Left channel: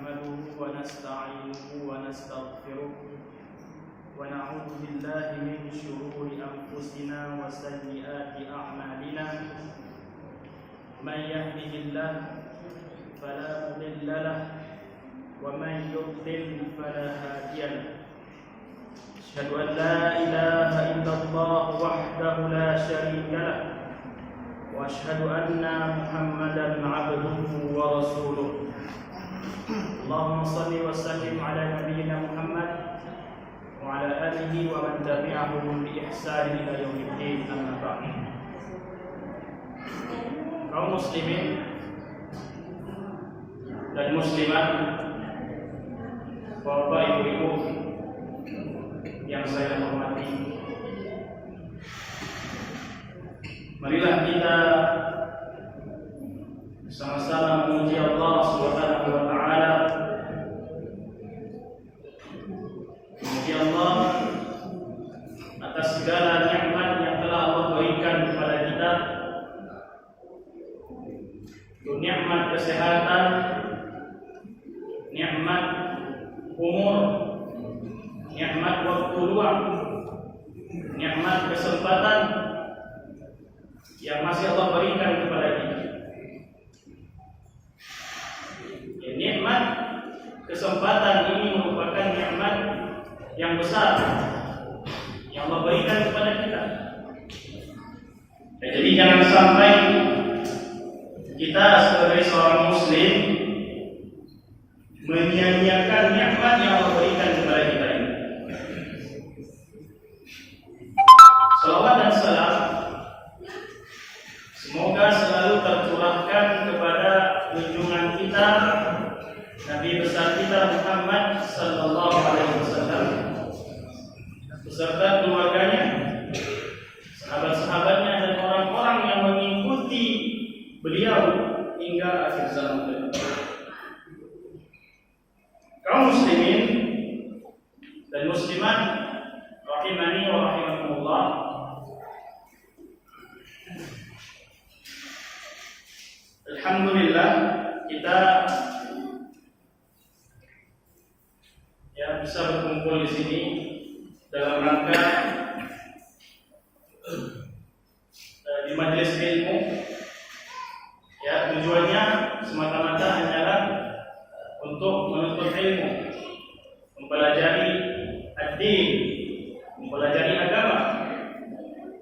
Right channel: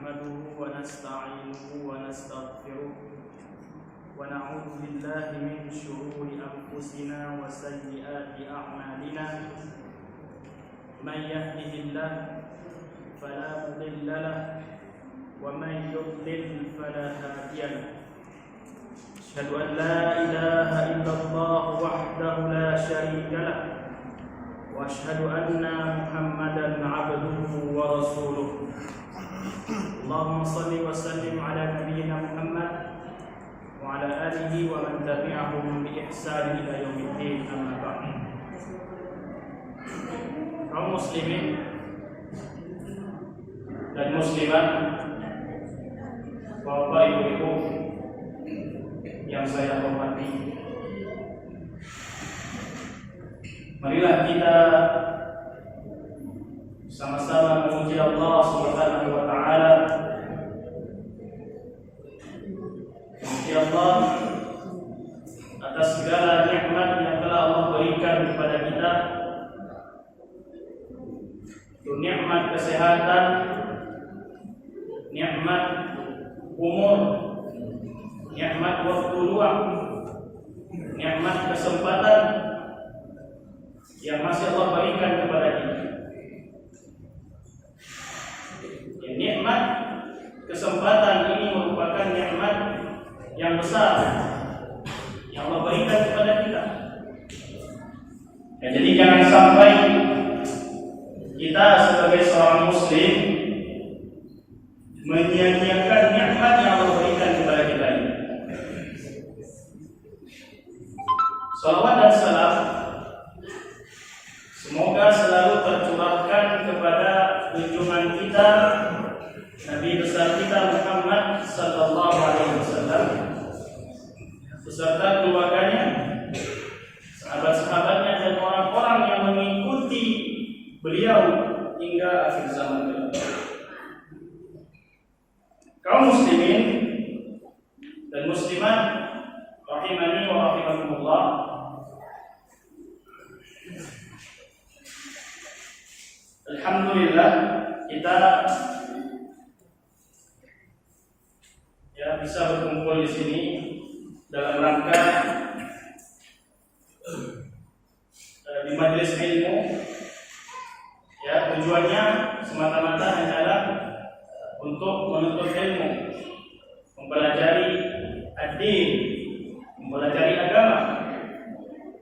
نحمده ونستعينه ونستغفره ونعوذ بالله من شرور أنفسنا وسيئات أعمالنا من يهده الله فلا مضل له ومن يضلل فلا هادي له أشهد أن لا إله إلا الله وحده لا شريك له وأشهد أن محمدا عبده ورسوله اللهم صل وسلم على نبينا محمد وعلى آله ومن تبعهم بإحسان إلى يوم الدين أما بعد. Kaum muslimin dan muslimat, bapak ibu-ibu yang saya hormati, marilah kita sama-sama memuji Allah Subhanahu wa taala. Memuji Allah atas segala nikmat yang telah Allah berikan kepada kita. Itu nikmat kesehatan, nikmat umur, nikmat waktu luang, nikmat kesempatan yang masih Allah berikan kepada kita. Ya, nikmat kesempatan ini merupakan nikmat yang besar yang Allah berikan kepada kita. Ya, jadi jangan sampai kita sebagai seorang muslim menyia-nyiakan nikmat yang Allah berikan kepada kita ini. Salawat dan salam semoga selalu tercurahkan kepada junjungan kita, Nabi besar kita Muhammad sallallahu alaihi wasallam beserta keluarganya, sahabat-sahabatnya dan orang-orang yang mengikuti beliau hingga akhir zaman kelak. Kaum muslimin dan muslimat rahimani wa rahimakumullah, alhamdulillah kita bisa berkumpul di sini dalam rangka di majelis ilmu. Ya, tujuannya semata-mata hanyalah untuk menuntut ilmu, mempelajari ad-din, mempelajari agama.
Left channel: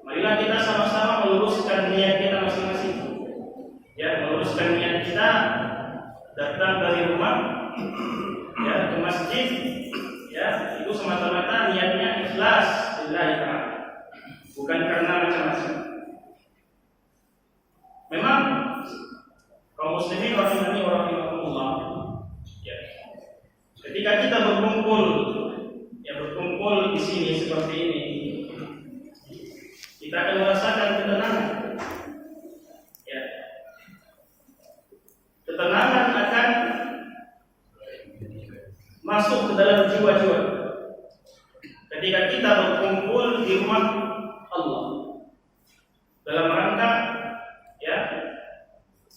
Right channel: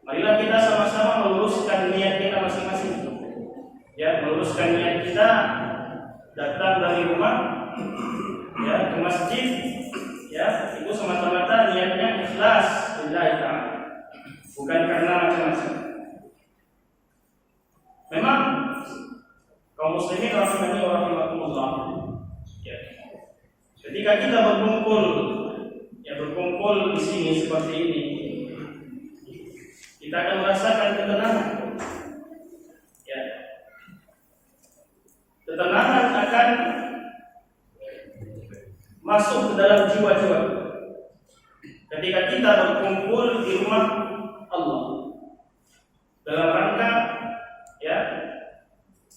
Marilah kita sama-sama meluruskan niat kita masing-masing. Ya, meluruskan niat kita datang dari rumah ya ke masjid, ya itu semata-mata niatnya ikhlas lillahi ta'ala, bukan karena macam-macam. Memang kaum muslimin rahimani wa rahimakumullah, ya, ketika kita berkumpul di sini seperti ini, kita akan merasakan ketenangan. Ya, ketenangan akan masuk ke dalam jiwa-jiwa ketika kita berkumpul di rumah Allah dalam rangka ya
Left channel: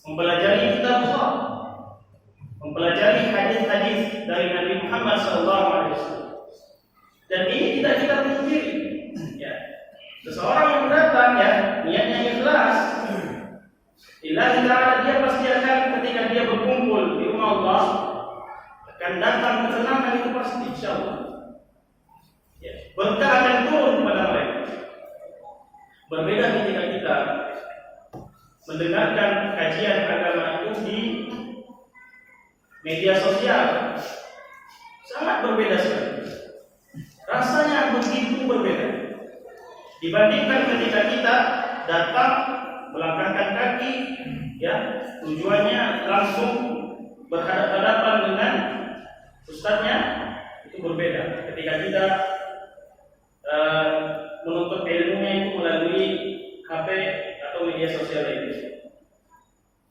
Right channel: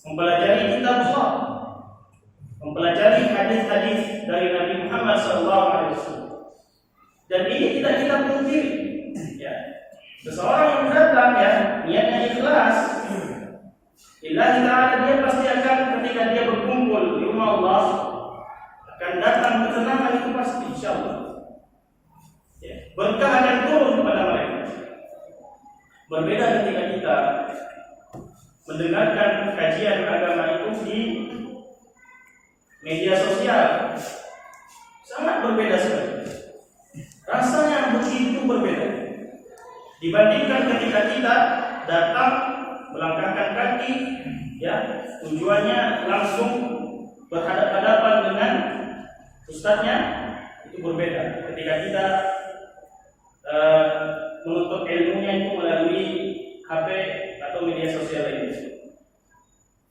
mempelajari kitab Allah, mempelajari hadis-hadis dari Nabi Muhammad SAW. Dan ini tidak kita pungkiri, ya, seseorang yang datang ya niatnya ikhlas lillahi ta'ala, dia pasti akan ketika dia berkumpul di rumah Allah akan datang ketenangan, itu pasti insyaallah. Ya, berkah akan turun kepada mereka. Berbeda ketika kita mendengarkan kajian agama itu di media sosial, sangat berbeda sekali. Rasanya begitu berbeda dibandingkan ketika kita datang melangkahkan kaki, ya, tujuannya langsung berhadapan-hadapan dengan ustadznya. Itu berbeda ketika kita menuntut ilmunya itu melalui HP atau media sosial lainnya.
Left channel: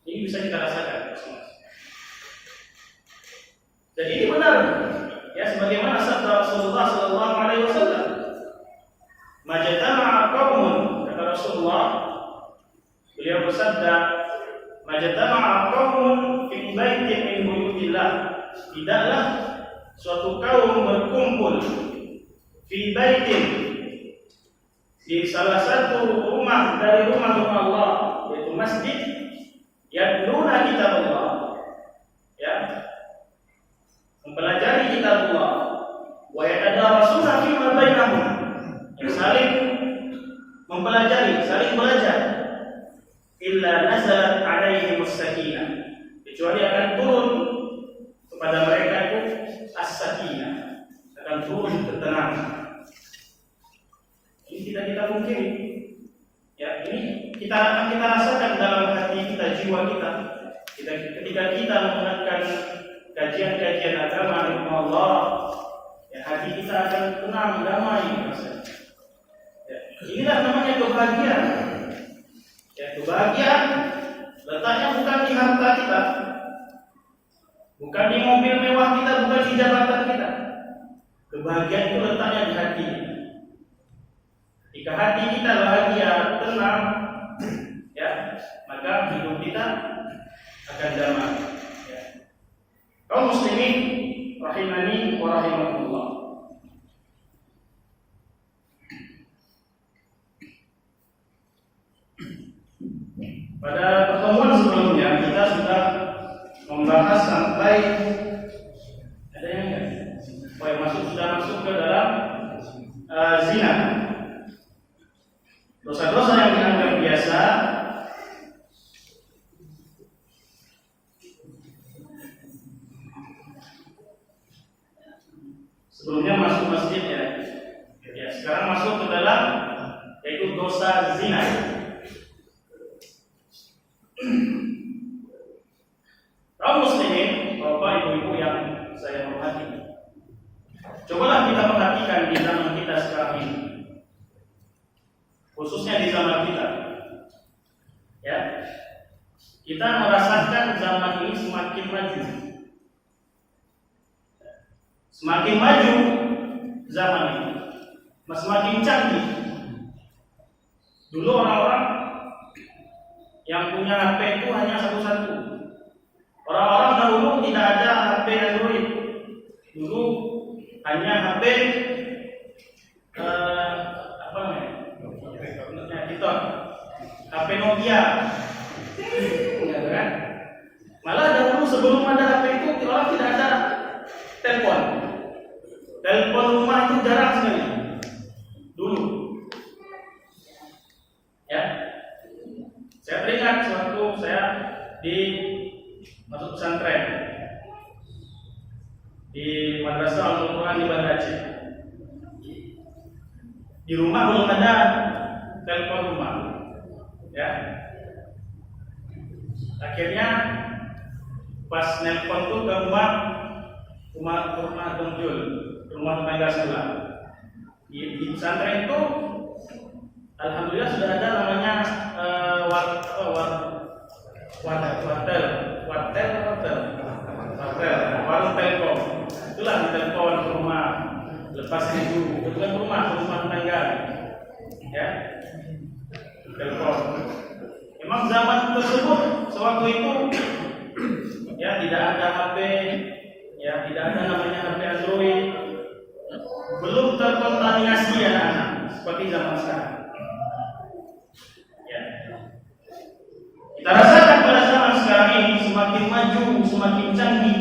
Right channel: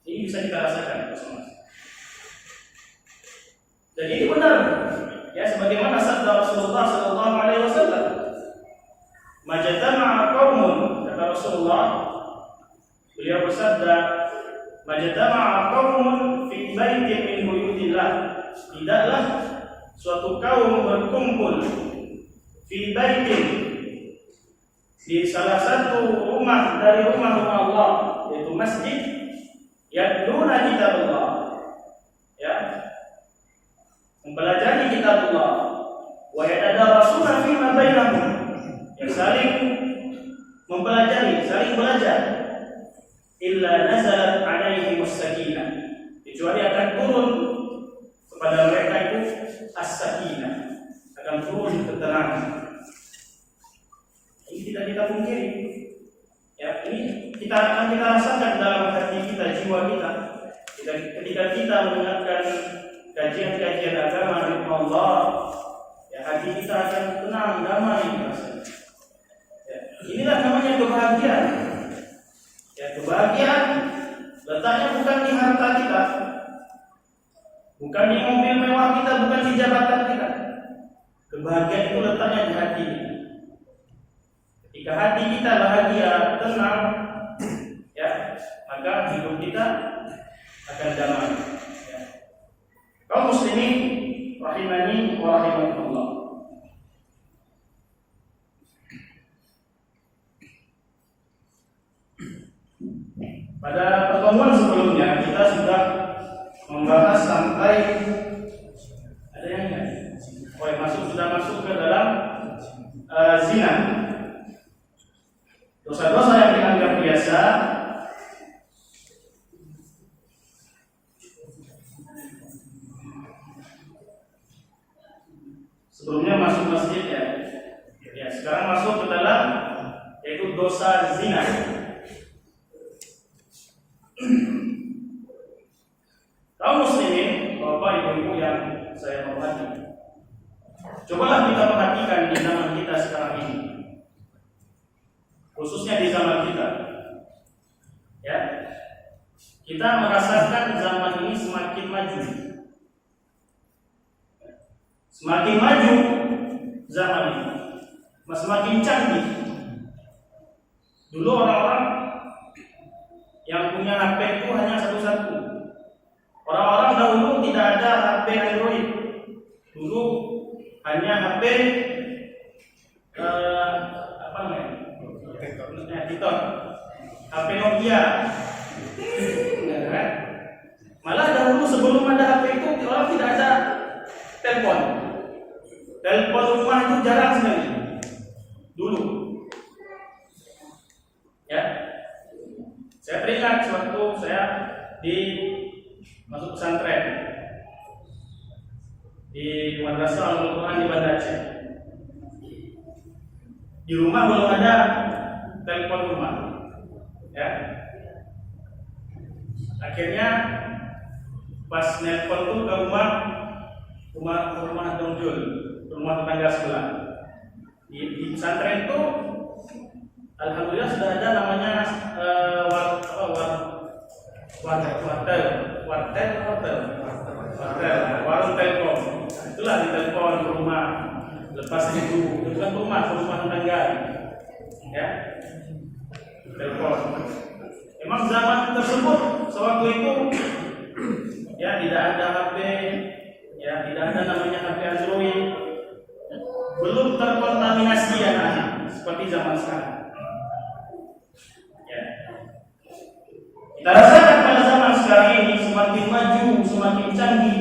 Ini bisa kita rasakan masing-masing. Jadi ini benar, ya, sebagaimana sabda Rasulullah sallallahu alaihi wasallam, "Majtama'a qaumun," kata Rasulullah, beliau bersabda, "Majtama'a qaumun fi baitin min buyutillah tidaklah suatu kaum berkumpul fi baitin, di salah satu rumah dari rumah-rumah Allah, yaitu masjid, yatluna kitabullah, ya, mempelajari kitabullah, wa yatadarasuna fima bainahum, yang saling mempelajari, saling belajar, illa nazalat alaihimus sakinah, kecuali akan turun kepada mereka itu as-sakinah, akan turun ketenangan. Ini tidak kita pungkiri, ya, ini kita rasakan dalam hati kita, jiwa kita. Ketika kita mendengarkan kajian-kajian agama dari Allah, ya, hati kita akan tenang, damai rasanya. Ya, inilah namanya kebahagiaan. Ya, kebahagiaan letaknya bukan di harta kita, bukan di mobil mewah kita, bukan di jabatan kita. Kebahagiaan itu letaknya di hati. Jika hati kita bahagia, tenang, ya, maka hidup kita akan damai. Ya. Kaum muslimin rahimani wa rahimakumullah. Pada pertemuan sebelumnya kita sudah membahas sampai ada yang enggak? Oh ya, sudah masuk ke dalam zina. Dosa-dosa yang dianggap biasa, sebelumnya masuk masjid, ya. Ya, sekarang masuk ke dalam, yaitu dosa zina. Kaum muslimin, bapak ibu-ibu yang saya hormati, cobalah kita perhatikan di zaman kita sekarang ini, khususnya di zaman kita, ya, kita merasakan zaman ini semakin maju, semakin maju zaman ini, semakin canggih. Dulu orang-orang yang punya HP itu hanya satu-satu. Orang-orang dahulu tidak ada HP Android. Dulu hanya HP apa namanya? Titon, HP Nokia. Kan? Malah dahulu sebelum ada HP itu orang tidak ada telepon. Telepon rumah itu jarang sekali. Dulu. Ya. Saya teringat sewaktu saya masuk pesantren di Madrasah Al-Quran di Banda Aceh. Di rumah belum ada telepon rumah, ya. Akhirnya pas nelpon tuh ke rumah Dongjul, ke rumah tetangga sebelah. Di pesantren itu, alhamdulillah sudah ada namanya warung telkom. Itulah ditelepon ke rumah, lepas itu bukan ke rumah tetangga, ya, telepon. Emang zaman tersebut sewaktu itu, ya, tidak ada HP, ya, tidak ada namanya HP Android, belum terkontaminasi anak-anak seperti zaman sekarang. Ya. Kita rasakan pada zaman sekarang ini semakin maju, semakin canggih.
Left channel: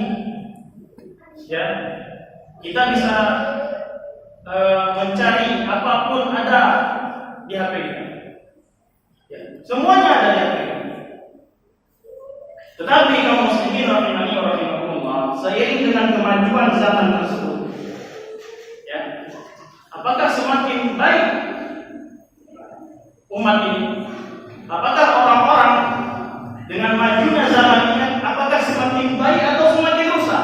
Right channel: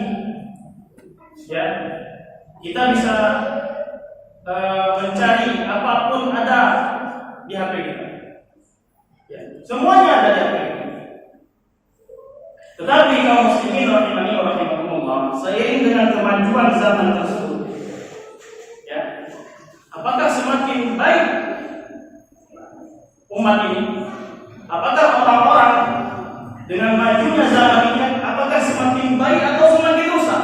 Ya, kita bisa mencari apapun ada di HP kita. Ya, semuanya ada di HP kita. Tetapi kaum muslimin rahimani wa rahimakumullah, seiring dengan kemajuan zaman tersebut, ya, apakah semakin baik umat ini? Apakah orang-orang dengan majunya zaman ini, apakah semakin baik atau semakin rusak?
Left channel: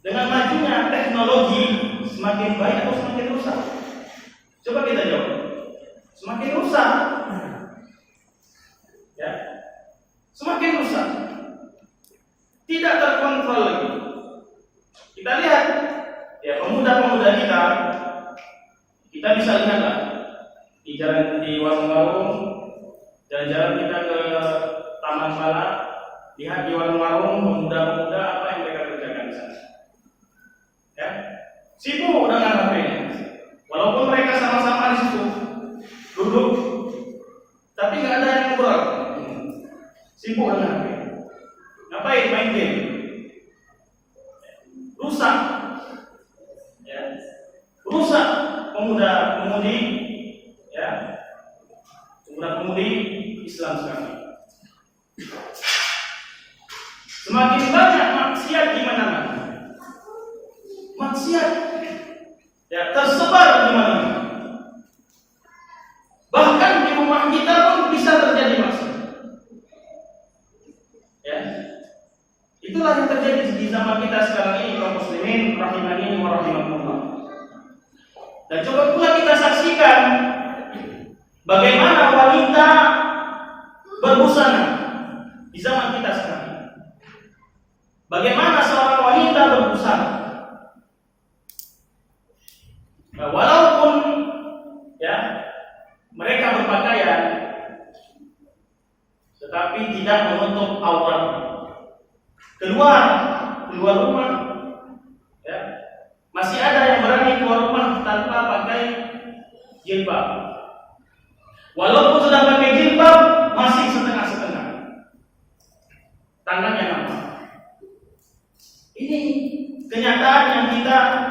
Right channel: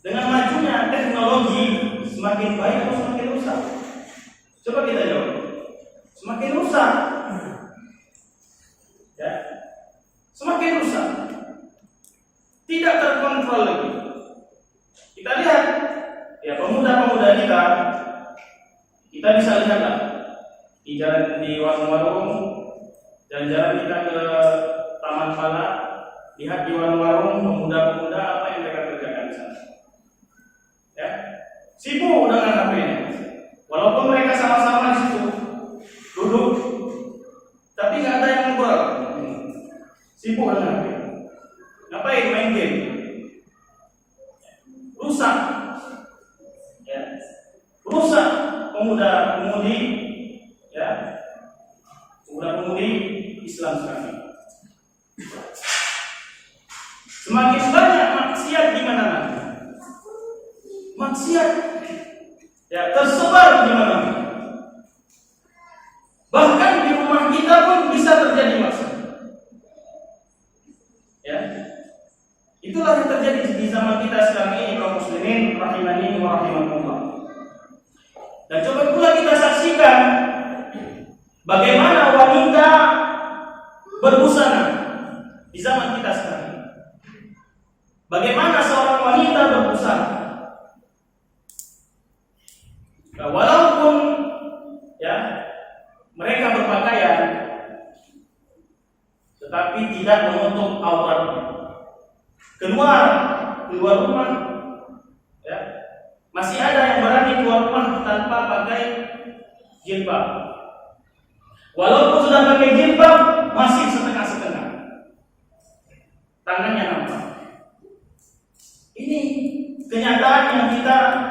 Dengan majunya teknologi, semakin baik atau semakin rusak? Coba kita jawab. Semakin rusak. Ya. Semakin rusak. Tidak terkontrol lagi. Kita lihat, ya, pemuda-pemuda kita bisa lihatlah di jalan, di warung-warung, jalan-jalan kita ke Taman Pala, lihat di warung-warung pemuda-pemuda apa yang mereka kerjakan di sana. Ya, sibuk dengan HP-nya. Walaupun mereka sama-sama di situ duduk, tapi nggak ada yang ngobrol. Sibuk dengan HP. Ngapain? Main game. Rusak. Ya. Rusak pemuda-pemudi, ya. Pemuda-pemudi Islam sekarang ini. Semakin banyak maksiat di mana-mana. Maksiat ya tersebar di mana-mana. Bahkan di rumah kita pun bisa terjadi maksiat. Ya. Itulah yang terjadi di zaman kita sekarang ini, kaum muslimin rahimani wa rahimakumullah. Dan coba pula kita saksikan bagaimana wanita berbusana di zaman kita sekarang ini. Bagaimana seorang wanita berbusana? Nah, walaupun ya mereka berpakaian, tetapi tidak menutup aurat. Keluar rumah, ya masih ada yang berani keluar rumah tanpa pakai jilbab. Walaupun sudah pakai jilbab, masih setengah-setengah. Tangannya nampak. Ini kenyataan yang kita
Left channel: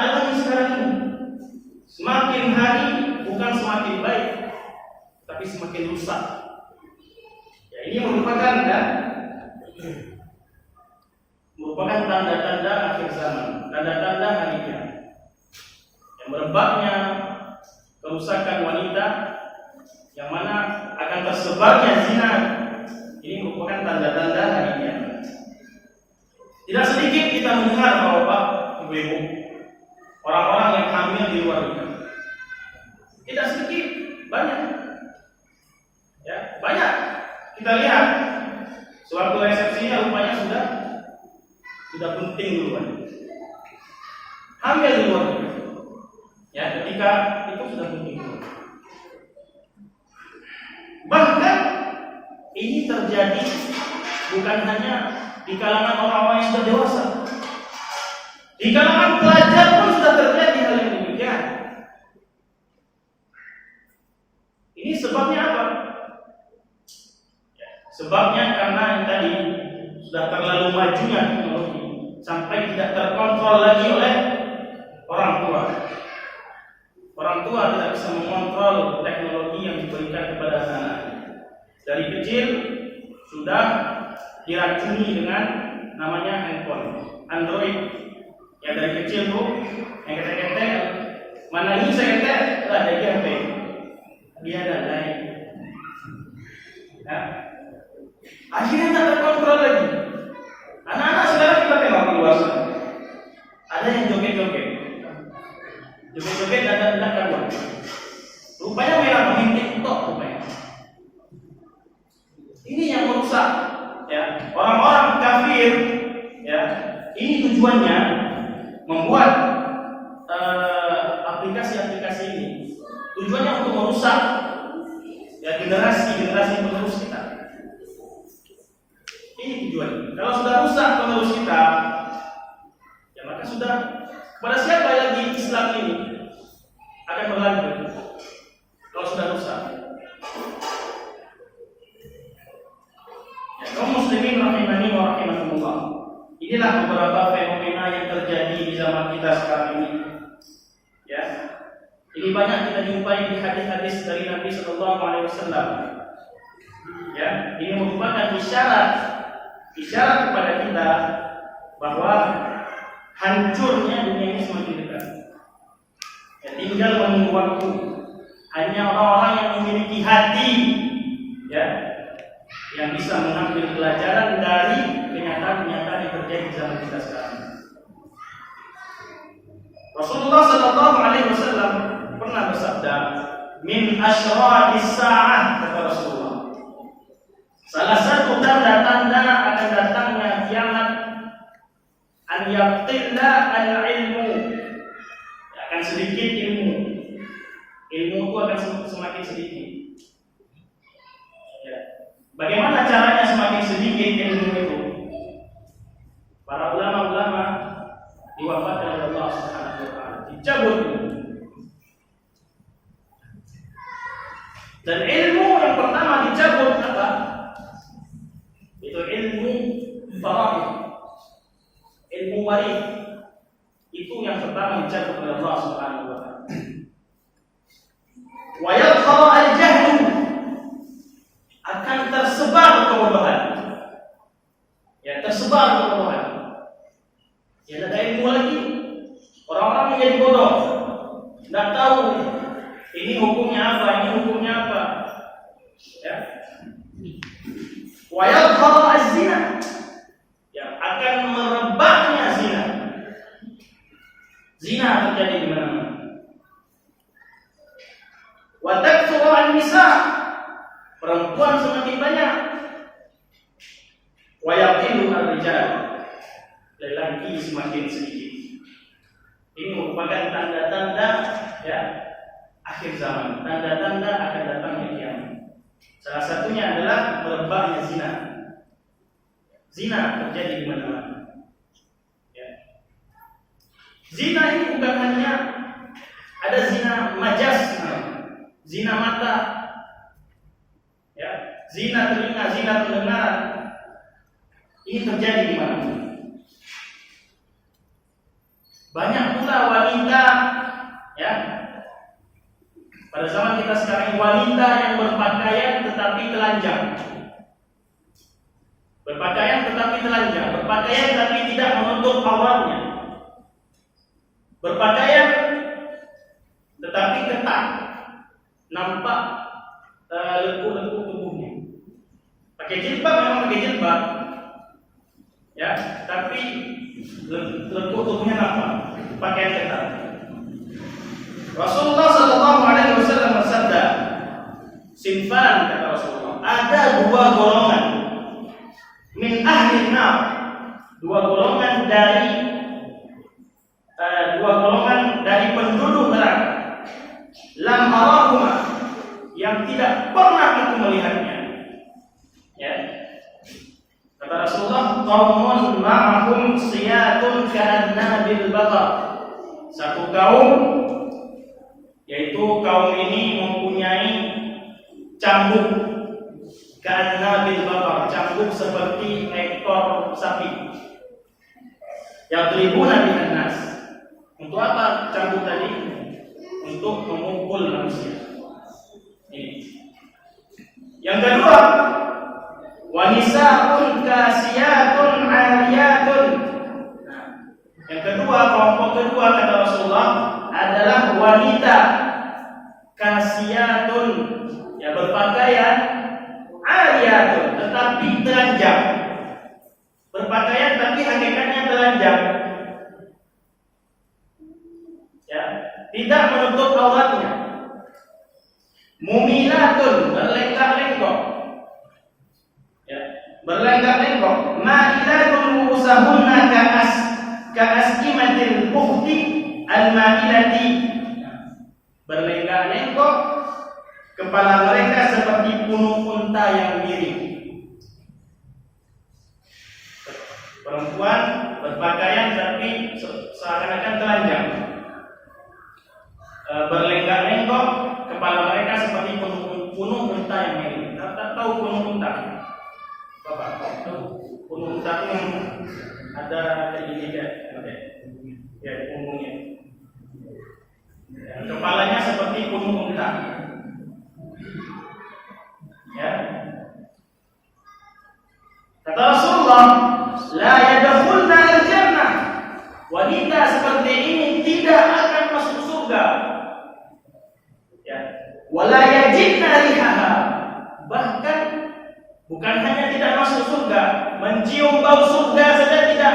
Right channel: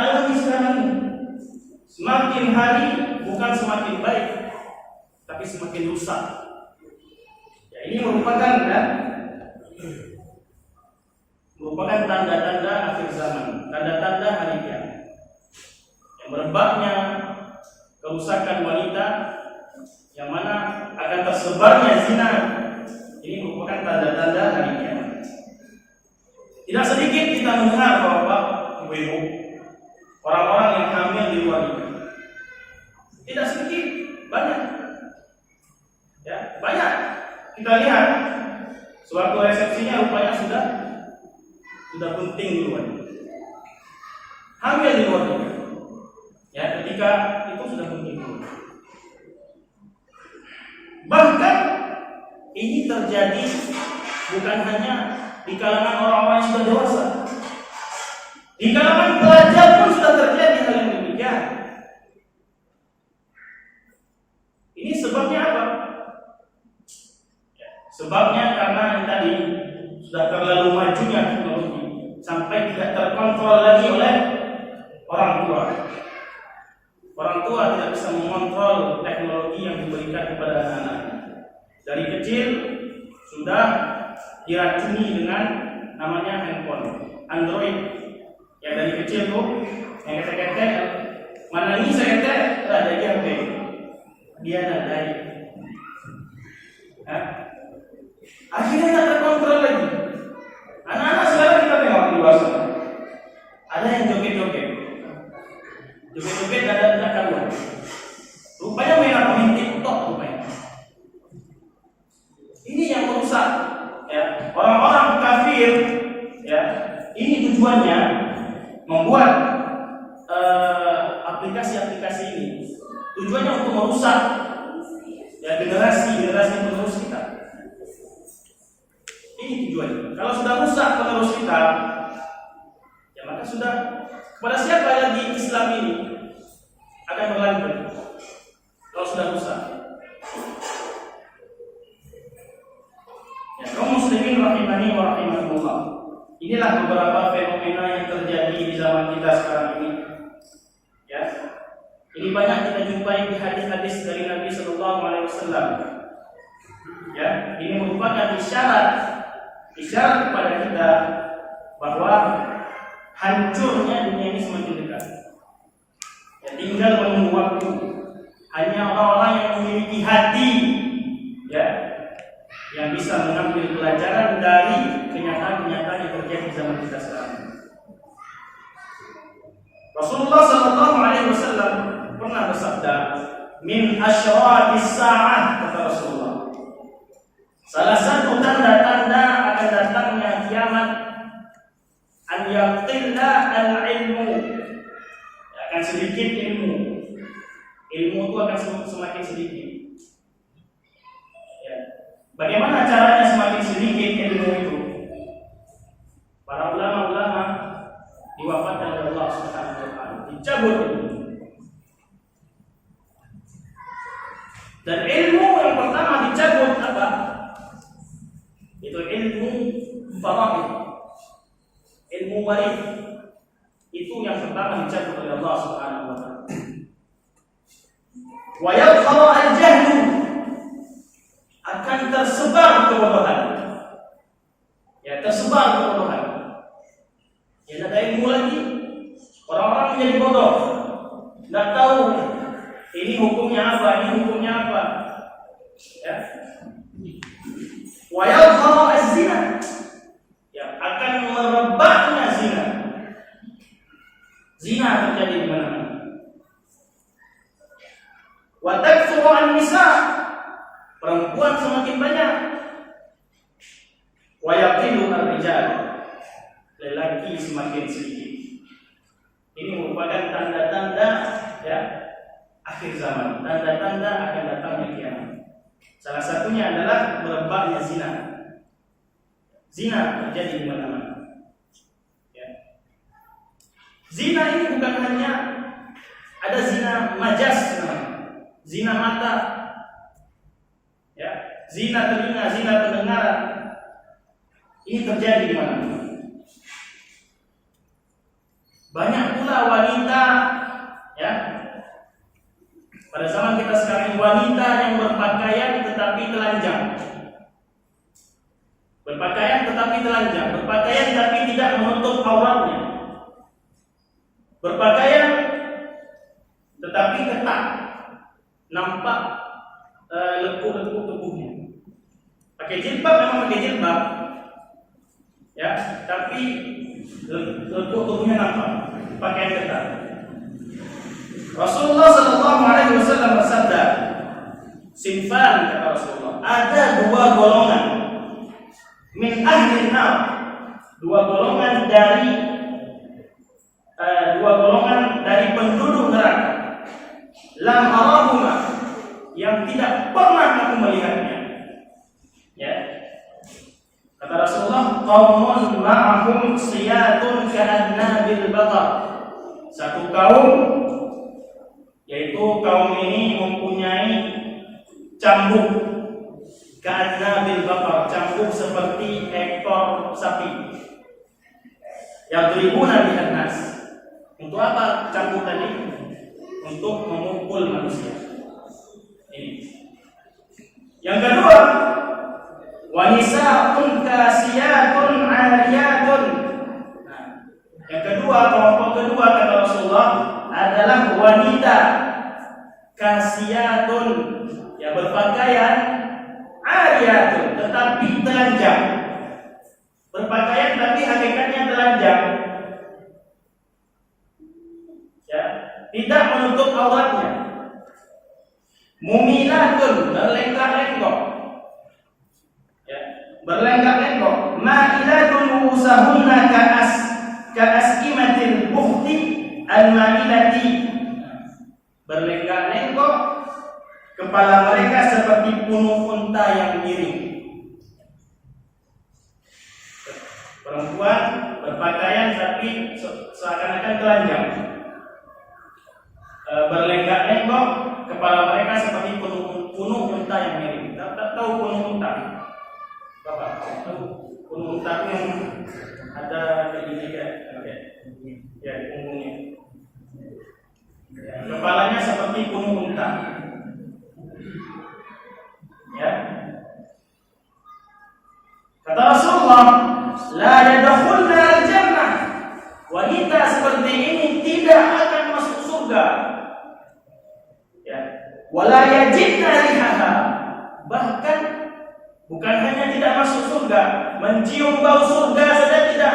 alami sekarang ini. Semakin hari bukan semakin baik, tapi semakin rusak. Ya, ini merupakan tanda-tanda akhir zaman, tanda-tanda hari kiamat. Yang merebaknya kerusakan wanita, yang mana akan tersebarnya zina, ini merupakan tanda-tanda hari kiamat. Tidak sedikit kita mendengar Bapak, Ibu-ibu, orang-orang yang hamil di luar nikah. Tidak sedikit, banyak. Ya, banyak. Kita lihat suatu resepsinya rupanya sudah penting duluan. Hamil di luar nikah. Ya, ketika itu sudah penting duluan. Bahkan ini terjadi bukan hanya di kalangan orang-orang yang sudah dewasa. Di kalangan pelajar pun sudah terjadi hal yang demikian. Ini sebabnya apa? Ya, sebabnya karena yang tadi sudah terlalu majunya teknologi sampai tidak terkontrol lagi oleh orang tua. Orang tua tidak bisa mengontrol teknologi yang diberikan kepada anak-anak. Dari kecil sudah diracuni dengan namanya handphone Android. Yang dari kecil tuh yang ketek-ketek, mana ini saya ketek, lah jadi HP. Dia dadai. Ya. Akhirnya tak terkontrol lagi. Anak-anak sekarang kita tengok dewasa. Ada yang joget-joget. Joget-joget ada karuan. Rupanya main TikTok rupanya. Ini yang merusak, ya. Orang-orang kafir, ya. Ini tujuannya membuat aplikasi-aplikasi ini. Tujuannya untuk merusak ya generasi penerus kita. Ini tujuannya. Kalau sudah rusak penerus kita, ya maka sudah kepada siapa lagi Islam ini akan berlanjut? Kalau sudah rusak. Ya, kaum muslimin rahimani wa rahimakumullah. Inilah beberapa fenomena yang terjadi di zaman kita sekarang ini. Ya. Ini banyak kita jumpai di hadis-hadis dari Nabi sallallahu alaihi wasallam. Ya, ini merupakan isyarat kepada kita bahwa hancurnya dunia ini semakin dekat. Ya, tinggal menunggu waktu. Hanya orang-orang yang memiliki hati, ya, yang bisa mengambil pelajaran dari kenyataan-kenyataan yang terjadi di zaman kita sekarang. Rasulullah sallallahu alaihi wasallam pernah bersabda, "Min asyratis sa'ah," kata Rasulullah. Salah satu tanda-tanda akan datangnya kiamat an yaqilla al-ilmu. Akan sedikit ilmu. Ilmu itu akan semakin sedikit. Ya. Bagaimana caranya semakin sedikit ilmu itu? Para ulama-ulama diwafatkan oleh Allah Subhanahu wa taala, dicabut ilmu. Dan ilmu yang pertama dicabut apa? Itu ilmu faraid, ilmu waris. Itu yang pertama dicabut oleh Allah Subhanahu wa taala. Wa yabqa al-jahlu, akan tersebar kebodohan. Ya, tersebar kebodohan. Ya, tidak ada ilmu lagi. Orang-orang menjadi bodoh. Tidak tahu ini hukumnya apa, ini hukumnya apa. Ya. Wa yabqa az-zina, ya, akan merebaknya zina. Zina terjadi di mana-mana. Wa takthuru an-nisa, perempuan semakin banyak. Wa yaqilu ar-rijal, lelaki semakin sedikit. Ini merupakan tanda-tanda ya akhir zaman, tanda-tanda akan datangnya kiamat. Salah satunya adalah merebaknya zina. Zina terjadi di mana-mana. Ya. Zina ini bukan hanya ada zina majas, zina mata, ya, zina telinga, zina pendengaran. Ini terjadi di mana-mana. Banyak pula wanita, ya, pada zaman kita sekarang, wanita yang berpakaian tetapi telanjang. Berpakaian tetapi telanjang, berpakaian tapi tidak menutup auratnya. Berpakaian tetapi ketat, nampak lekuk-lekuk tubuhnya. Pakai jilbab memang pakai jilbab, ya, tapi lekuk tubuhnya nampak, pakaian ketat. Rasulullah sallallahu alaihi wasallam bersabda, "Sinfan," kata Rasulullah, ada dua golongan min ahli nar, dua golongan dari penduduk neraka. Lam arahuma, yang tidak pernah aku melihatnya. Ya. Kata Rasulullah, qaumun ma'ahum siyatun ka'annabil baqar. Satu kaum, yaitu kaum ini mempunyai cambuk ka'annabil baqar, cambuk seperti ekor sapi. Yadribuna bihan nas. Untuk apa cambuk tadi? Untuk memukul manusia. Ini. Yang kedua, wanisaun kasiyatun ariyatun. Nah, yang kedua, kelompok kedua kata Rasulullah adalah wanita kasiyatun, yang berpakaian ariyatun tetapi telanjang. Berpakaian tapi hakikatnya telanjang. Ya, tidak menutup auratnya. Mumilatun, berlenggak-lenggok. Ya, berlenggak-lenggok. Ma'ilatun usahunna ka'as'imatil bukhti al-ma'ilati. Berlenggak-lenggok, kepala mereka seperti punuk unta yang miring. Perempuan berpakaian tapi seakan-akan telanjang. Berlenggak-lenggok, kepala mereka seperti punuk unta yang miring. Tak tahu punuk unta? Bapak tahu punuk unta itu yang ada kayak ya di punggungnya. Ya, kepalanya seperti punuk unta. Ya. Kata Rasulullah, la yadkhulna al-jannah. Wanita seperti ini tidak akan masuk surga. Ya. Wala yajidna rihaha. Bahkan bukan hanya tidak masuk surga, mencium bau surga saja tidak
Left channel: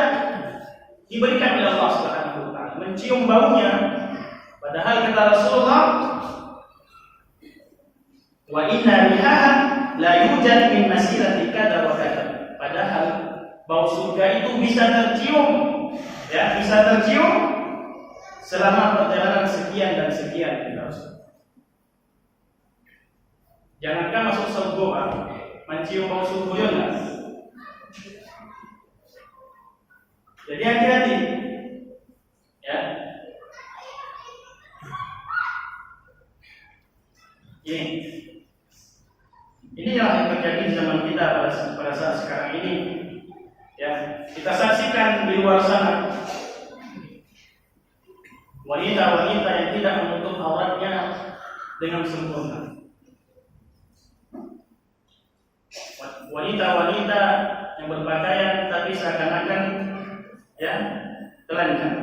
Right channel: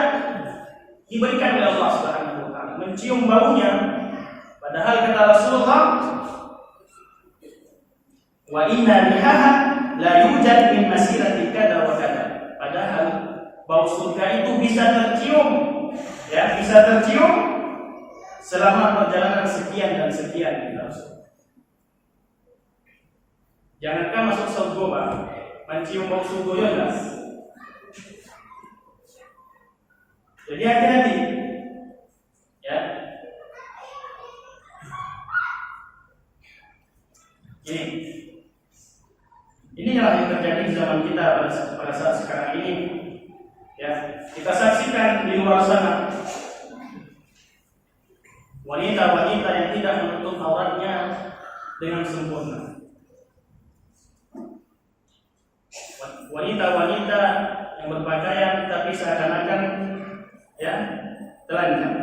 diberikan oleh Allah Subhanahu wa taala. Mencium baunya, padahal kata Rasulullah, wa inna rihaha la yujad min masirati kada wa kada. Padahal bau surga itu bisa tercium, ya, bisa tercium selama perjalanan sekian dan sekian, kata Rasul. Jangankan masuk surga, Pak, mencium bau subuh ya. Jadi hati-hati ya. Ini yang terjadi di zaman kita pada saat sekarang ini. Ya, kita saksikan di luar sana wanita-wanita yang tidak menutup auratnya dengan sempurna. Wanita-wanita yang berpakaian tapi seakan-akan ya telanjang.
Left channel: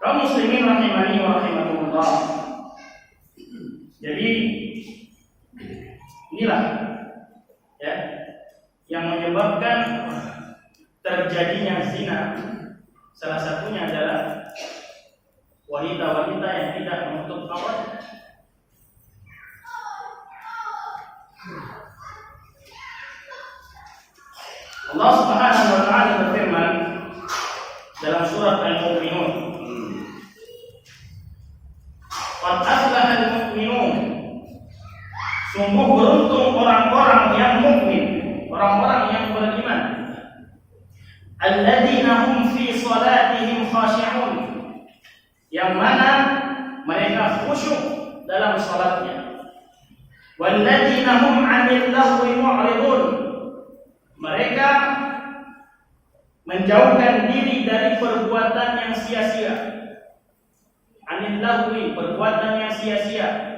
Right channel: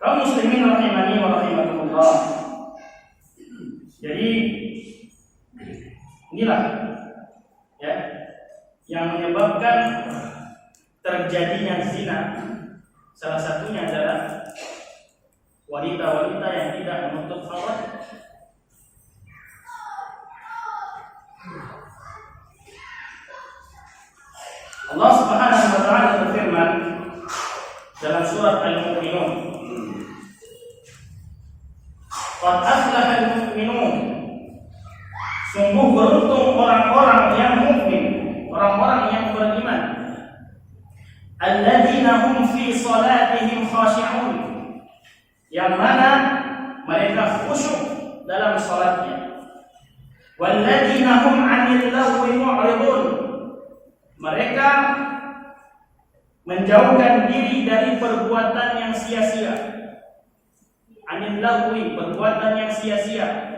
Kaum muslimin rahimani wa rahimakumullah. Jadi inilah ya yang menyebabkan terjadinya zina. Salah satunya adalah wanita-wanita yang tidak menutup aurat. Allah Subhanahu wa taala berfirman dalam surat Al-Mu'minun, "Qad aflaha al-mu'minun." Sungguh beruntung orang-orang yang mukmin, orang-orang yang beriman. Alladzina hum fi salatihim khashi'un. Yang mana mereka khusyuk dalam salatnya. Walladzina hum 'anil lagwi mu'ridun. Mereka menjauhkan diri dari perbuatan yang sia-sia. Anil lagwi, perbuatan yang sia-sia.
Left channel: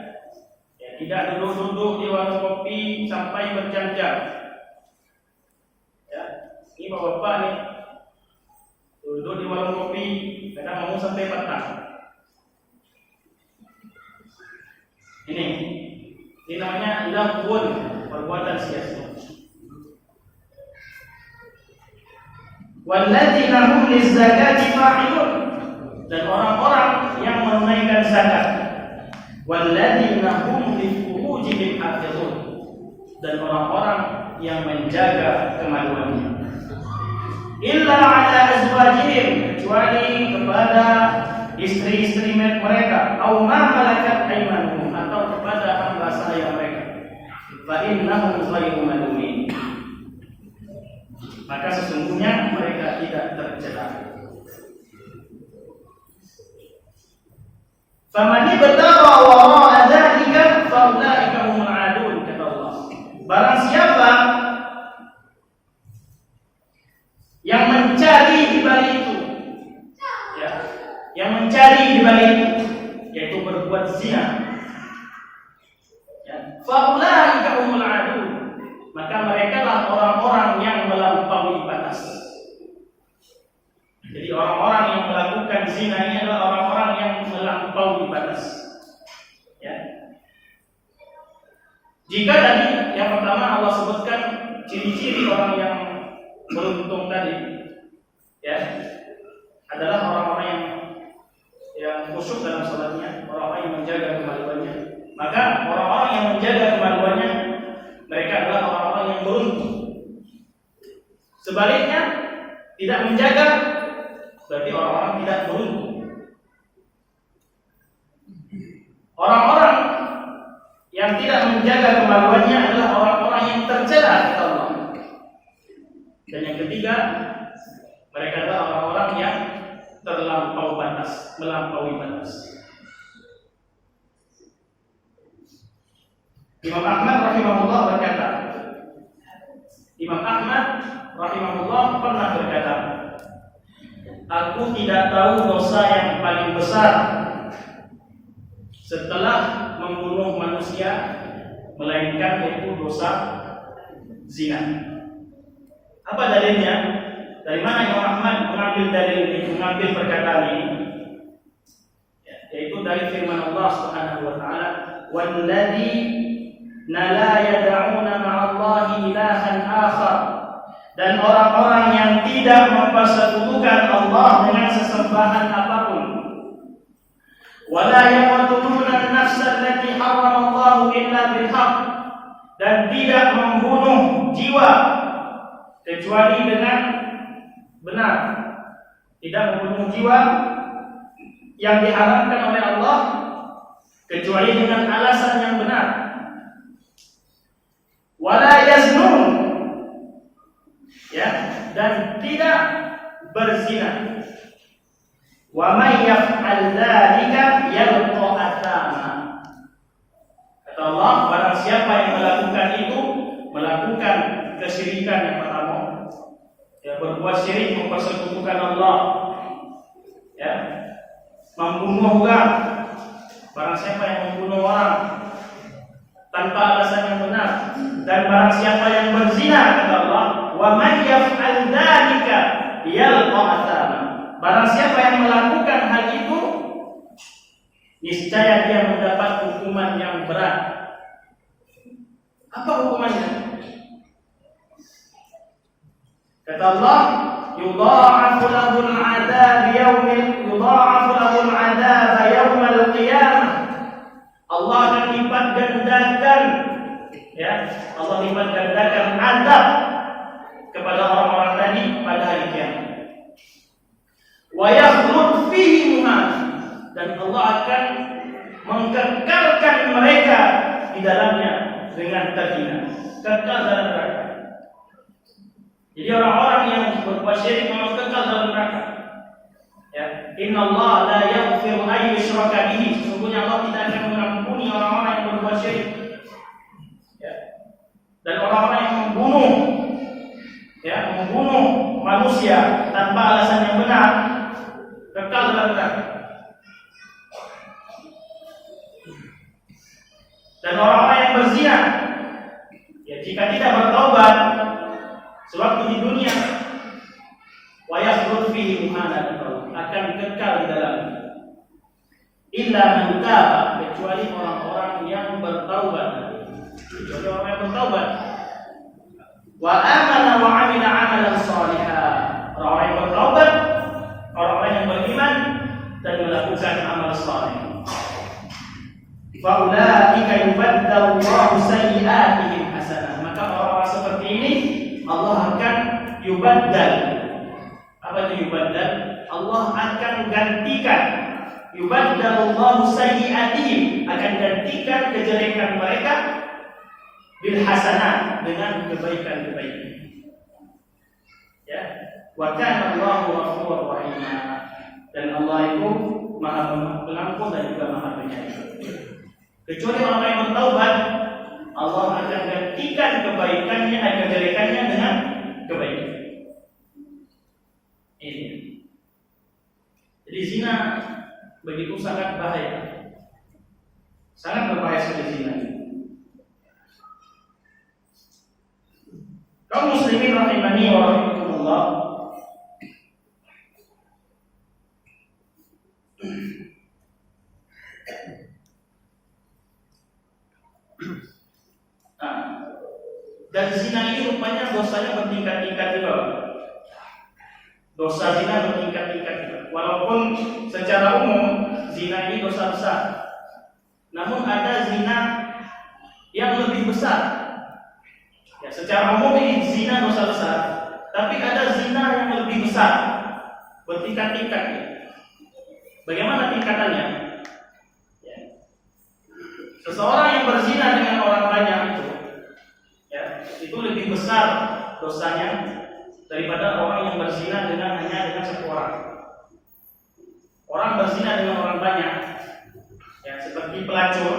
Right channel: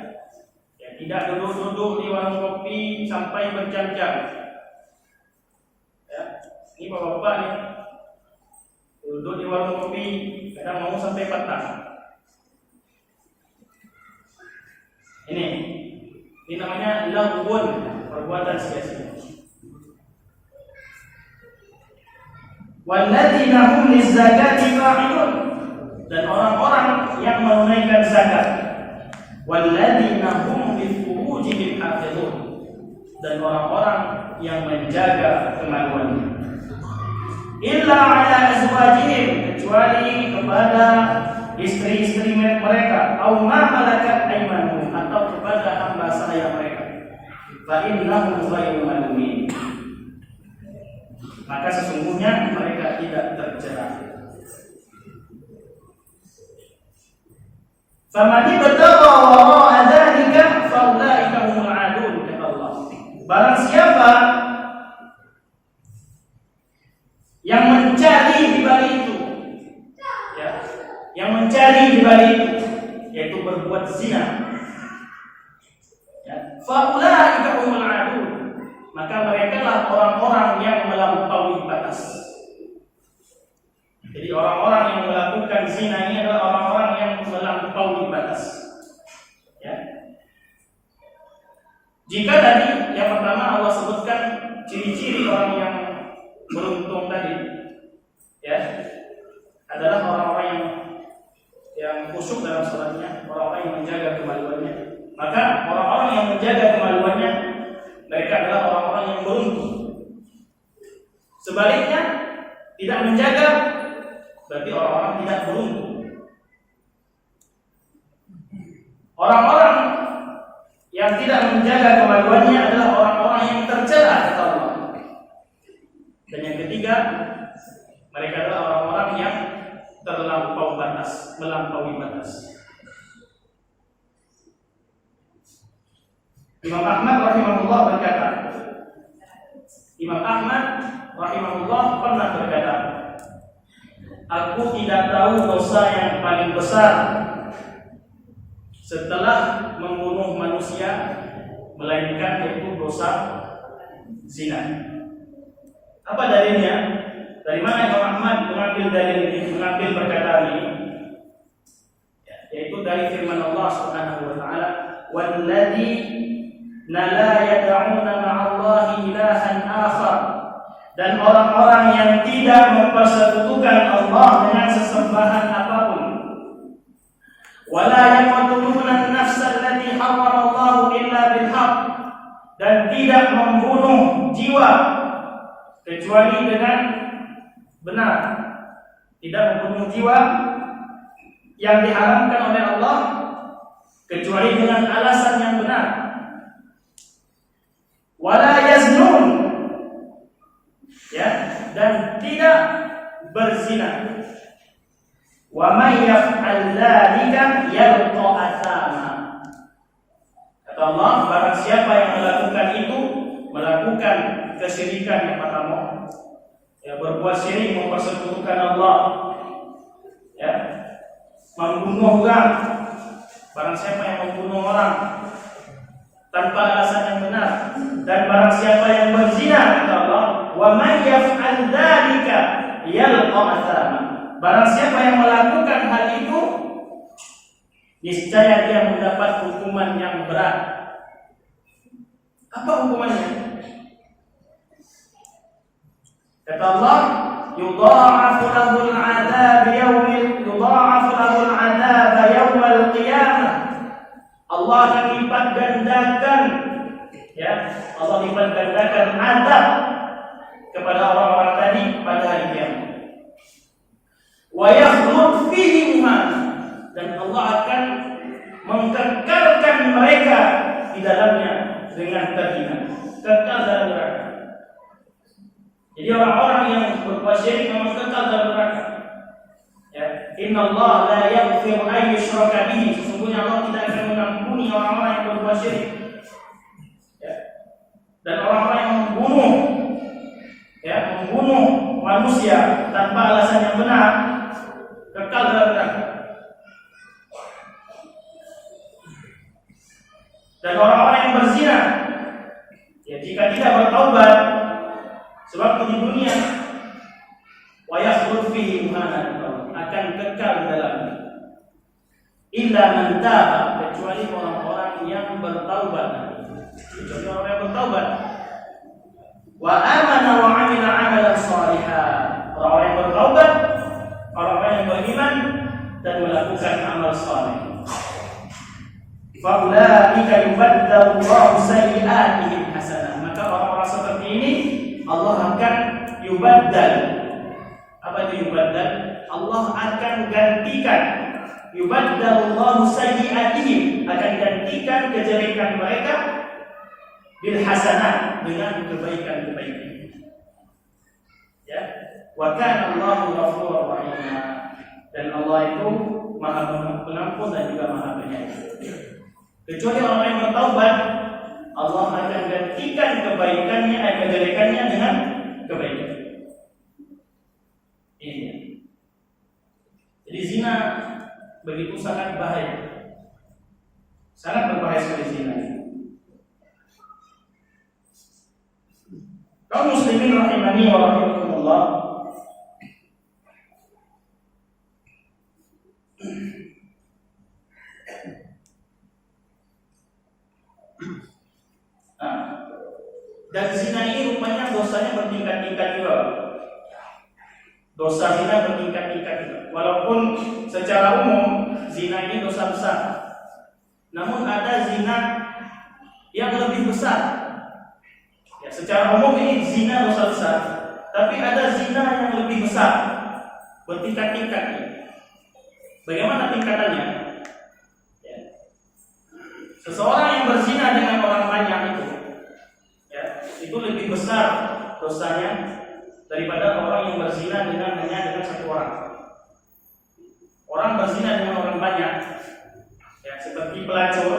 Ya, tidak duduk-duduk di warung kopi sampai berjam-jam. Ya, ini bapak-bapak nih duduk di warung kopi kadang mau sampai petang. Ini namanya lagwun, perbuatan sia-sia. Walladzina hum lizzakati fa'ilun, dan orang-orang yang menunaikan zakat. Walladzina hum lifurujihim hafizun, dan orang-orang yang menjaga kemaluannya. Illa ala azwajihim, kecuali kepada istri-istri mereka, atau ma malakat aymanuhum, atau kepada hamba sahaya mereka. Fa innahum ghairu malumin, maka sesungguhnya mereka tidak tercela. Faman ibtagha wara'a dzalika fa ulaika humul 'adun, kata Allah. Barang siapa yang mencari di balik itu, ya, yang mencari di balik itu, yaitu berbuat zina, ya, fa ulaika humul 'adun, maka mereka lah orang-orang yang melampaui batas. Jadi orang-orang yang melakukan zina ini adalah orang-orang yang melampaui batas. Ya. Jika tadi yang pertama Allah sebutkan ciri-ciri orang yang beruntung tadi, ya, adalah orang-orang yang khusyuk dalam salatnya, orang-orang yang menjaga kemaluannya. Maka orang-orang yang menjaga kemaluannya, mereka adalah orang-orang yang beruntung. Sebaliknya, tidak menjaga berarti orang-orang tidak beruntung. Orang-orang yang tidak menjaga kemaluannya adalah orang-orang yang tercela, kata Allah. Dan yang ketiga, mereka adalah orang-orang yang terlampau batas, melampaui batas. Imam Ahmad rahimahullah berkata, Imam Ahmad rahimahullah pernah berkata, aku tidak tahu dosa yang paling besar setelah membunuh manusia melainkan yaitu dosa zina. Apa dalilnya? Dari mana Imam Ahmad mengambil dalil ini, mengambil perkataan ini? Ya, yaitu dari firman Allah Subhanahu wa taala, "Walladzina la yad'una ma'allahi ilahan akhar." Dan orang-orang yang tidak mempersekutukan Allah dengan sesembahan apapun. Wala yaqtuluna an-nafsa allati harrama Allah illa bil haqq, dan tidak membunuh jiwa kecuali dengan benar. Tidak membunuh jiwa yang diharamkan oleh Allah kecuali dengan alasan yang benar. wala yaznun, ya, dan tidak berzina. Wa may yaf'al dzalika yalqa athama. Kata Allah, barang siapa yang melakukan itu, melakukan kesyirikan yang pertama, ya, berbuat syirik, mempersekutukan Allah, ya, membunuh orang. Barang siapa yang membunuh orang tanpa alasan yang benar, dan barang siapa yang berzina, kata Allah, wa man yaf'al dzalika yalqa athama. Barang siapa yang melakukan hal itu, niscaya dia mendapat hukuman yang berat. Apa hukumannya? Kata Allah, yudha'afu lahul 'adzab yawmal qiyamah. Allah akan lipat gandakan, ya, Allah lipat gandakan azab kepada orang-orang tadi pada hari kiamat. Wa yakhlud fihi muhan, dan Allah akan mengkekalkan mereka di dalamnya dengan terhina, kekal dalam neraka. Jadi orang-orang yang berbuat syirik memang kekal dalam neraka. Ya, innallaha la yaghfiru an yushraka bihi. Sesungguhnya Allah tidak akan mengampuni orang-orang yang berbuat syirik. Ya. Dan orang-orang yang membunuh, ya, membunuh manusia tanpa alasan yang benar, kekal dalam neraka. Dan orang-orang yang berzina, ya, jika tidak bertaubat sewaktu di dunia, wa yakhlud fihi muhana, akan kekal di dalamnya. Illa man taba, kecuali orang-orang yang bertaubat. Kecuali orang yang bertaubat. Wa amana wa amila amalan shalihan. Orang-orang yang bertaubat, orang-orang yang beriman dan melakukan amal saleh. Fa ulaika yubaddalu Allahu sayyi'atihim hasanah. Maka orang-orang seperti ini Allah akan yubaddal. Apa itu yubaddal? Allah akan gantikan, yubaddalullahu sayyi'atihim, akan gantikan kejelekan mereka bil hasanat, dengan kebaikan-kebaikan. Ya, wa kana Allahu ghafurur rahim. Dan Allah itu Maha Pengampun dan juga Maha Penyayang. Kecuali orang yang bertaubat, Allah akan gantikan kebaikannya, kejelekannya dengan kebaikan. Ini. Jadi zina begitu sangat bahaya, sangat berbahaya sekali zina. Kaum muslimin rahimani wa rahimakumullah, dan zina ini rupanya dosanya bertingkat-tingkat juga. Dosa zina bertingkat-tingkat juga. Walaupun secara umum zina ini dosa besar, namun ada zina yang lebih besar. Ya, secara umum ini zina dosa besar, tapi ada zina yang lebih besar, bertingkat-tingkat. Bagaimana tingkatannya? Ya. Seseorang yang berzina dengan orang banyak itu, ya, itu lebih besar dosanya daripada orang yang berzina hanya dengan satu orang. Orang berzina dengan orang banyak, ya, seperti pelacur,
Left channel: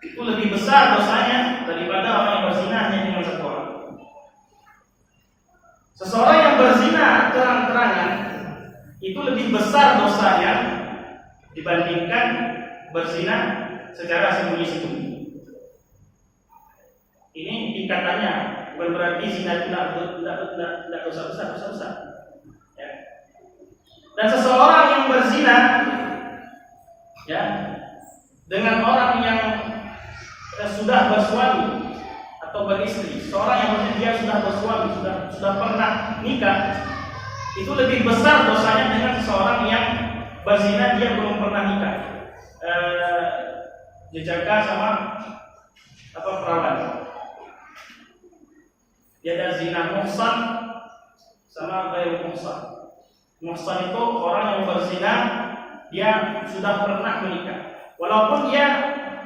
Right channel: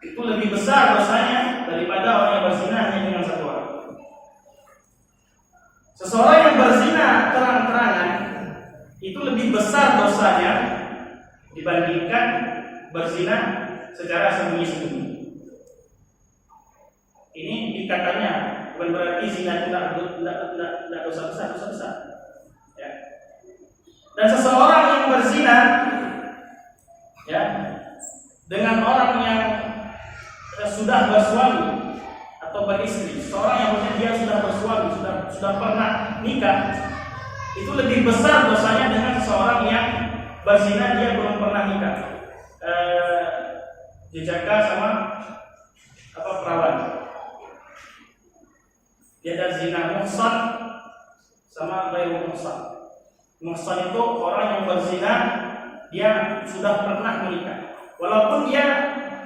itu lebih besar dosanya daripada orang yang berzina hanya dengan satu orang. Seseorang yang berzina terang-terangan itu lebih besar dosanya dibandingkan berzina secara sembunyi-sembunyi. Ini tingkatannya, bukan berarti zina tidak dosa besar, dosa besar. Ya. Dan seseorang yang berzina, ya, dengan orang yang sudah bersuami atau beristri, seorang yang dia sudah bersuami, sudah pernah nikah, itu lebih besar dosanya dengan seseorang yang berzina dia belum pernah nikah. Jejaka sama apa perawan. Dia ada zina muhsan sama ghairu muhsan. Muhsan itu orang yang berzina dia sudah pernah menikah. Walaupun dia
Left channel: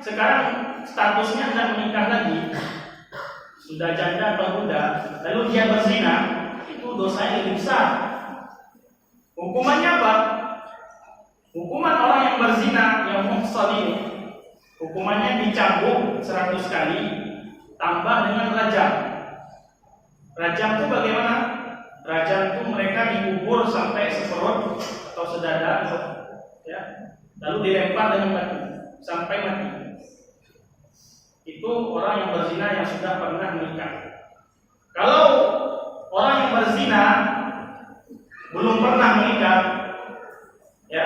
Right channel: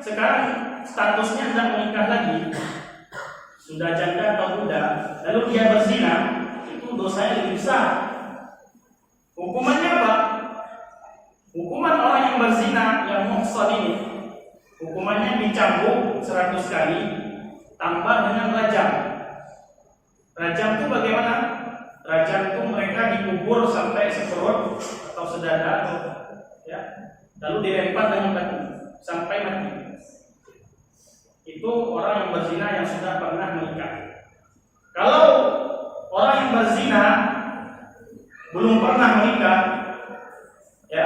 sekarang statusnya tidak menikah lagi, sudah janda atau muda, lalu dia berzina, itu dosanya lebih besar. Hukumannya apa? Hukuman orang yang berzina, yang muhsan ini, hukumannya dicambuk 100 kali, tambah dengan rajam. Rajam itu bagaimana? Rajam itu mereka dikubur sampai seperut atau sedada, ya, lalu dilempar dengan batu sampai mati. Itu orang yang berzina yang sudah pernah menikah. Kalau orang yang berzina belum pernah menikah, ya,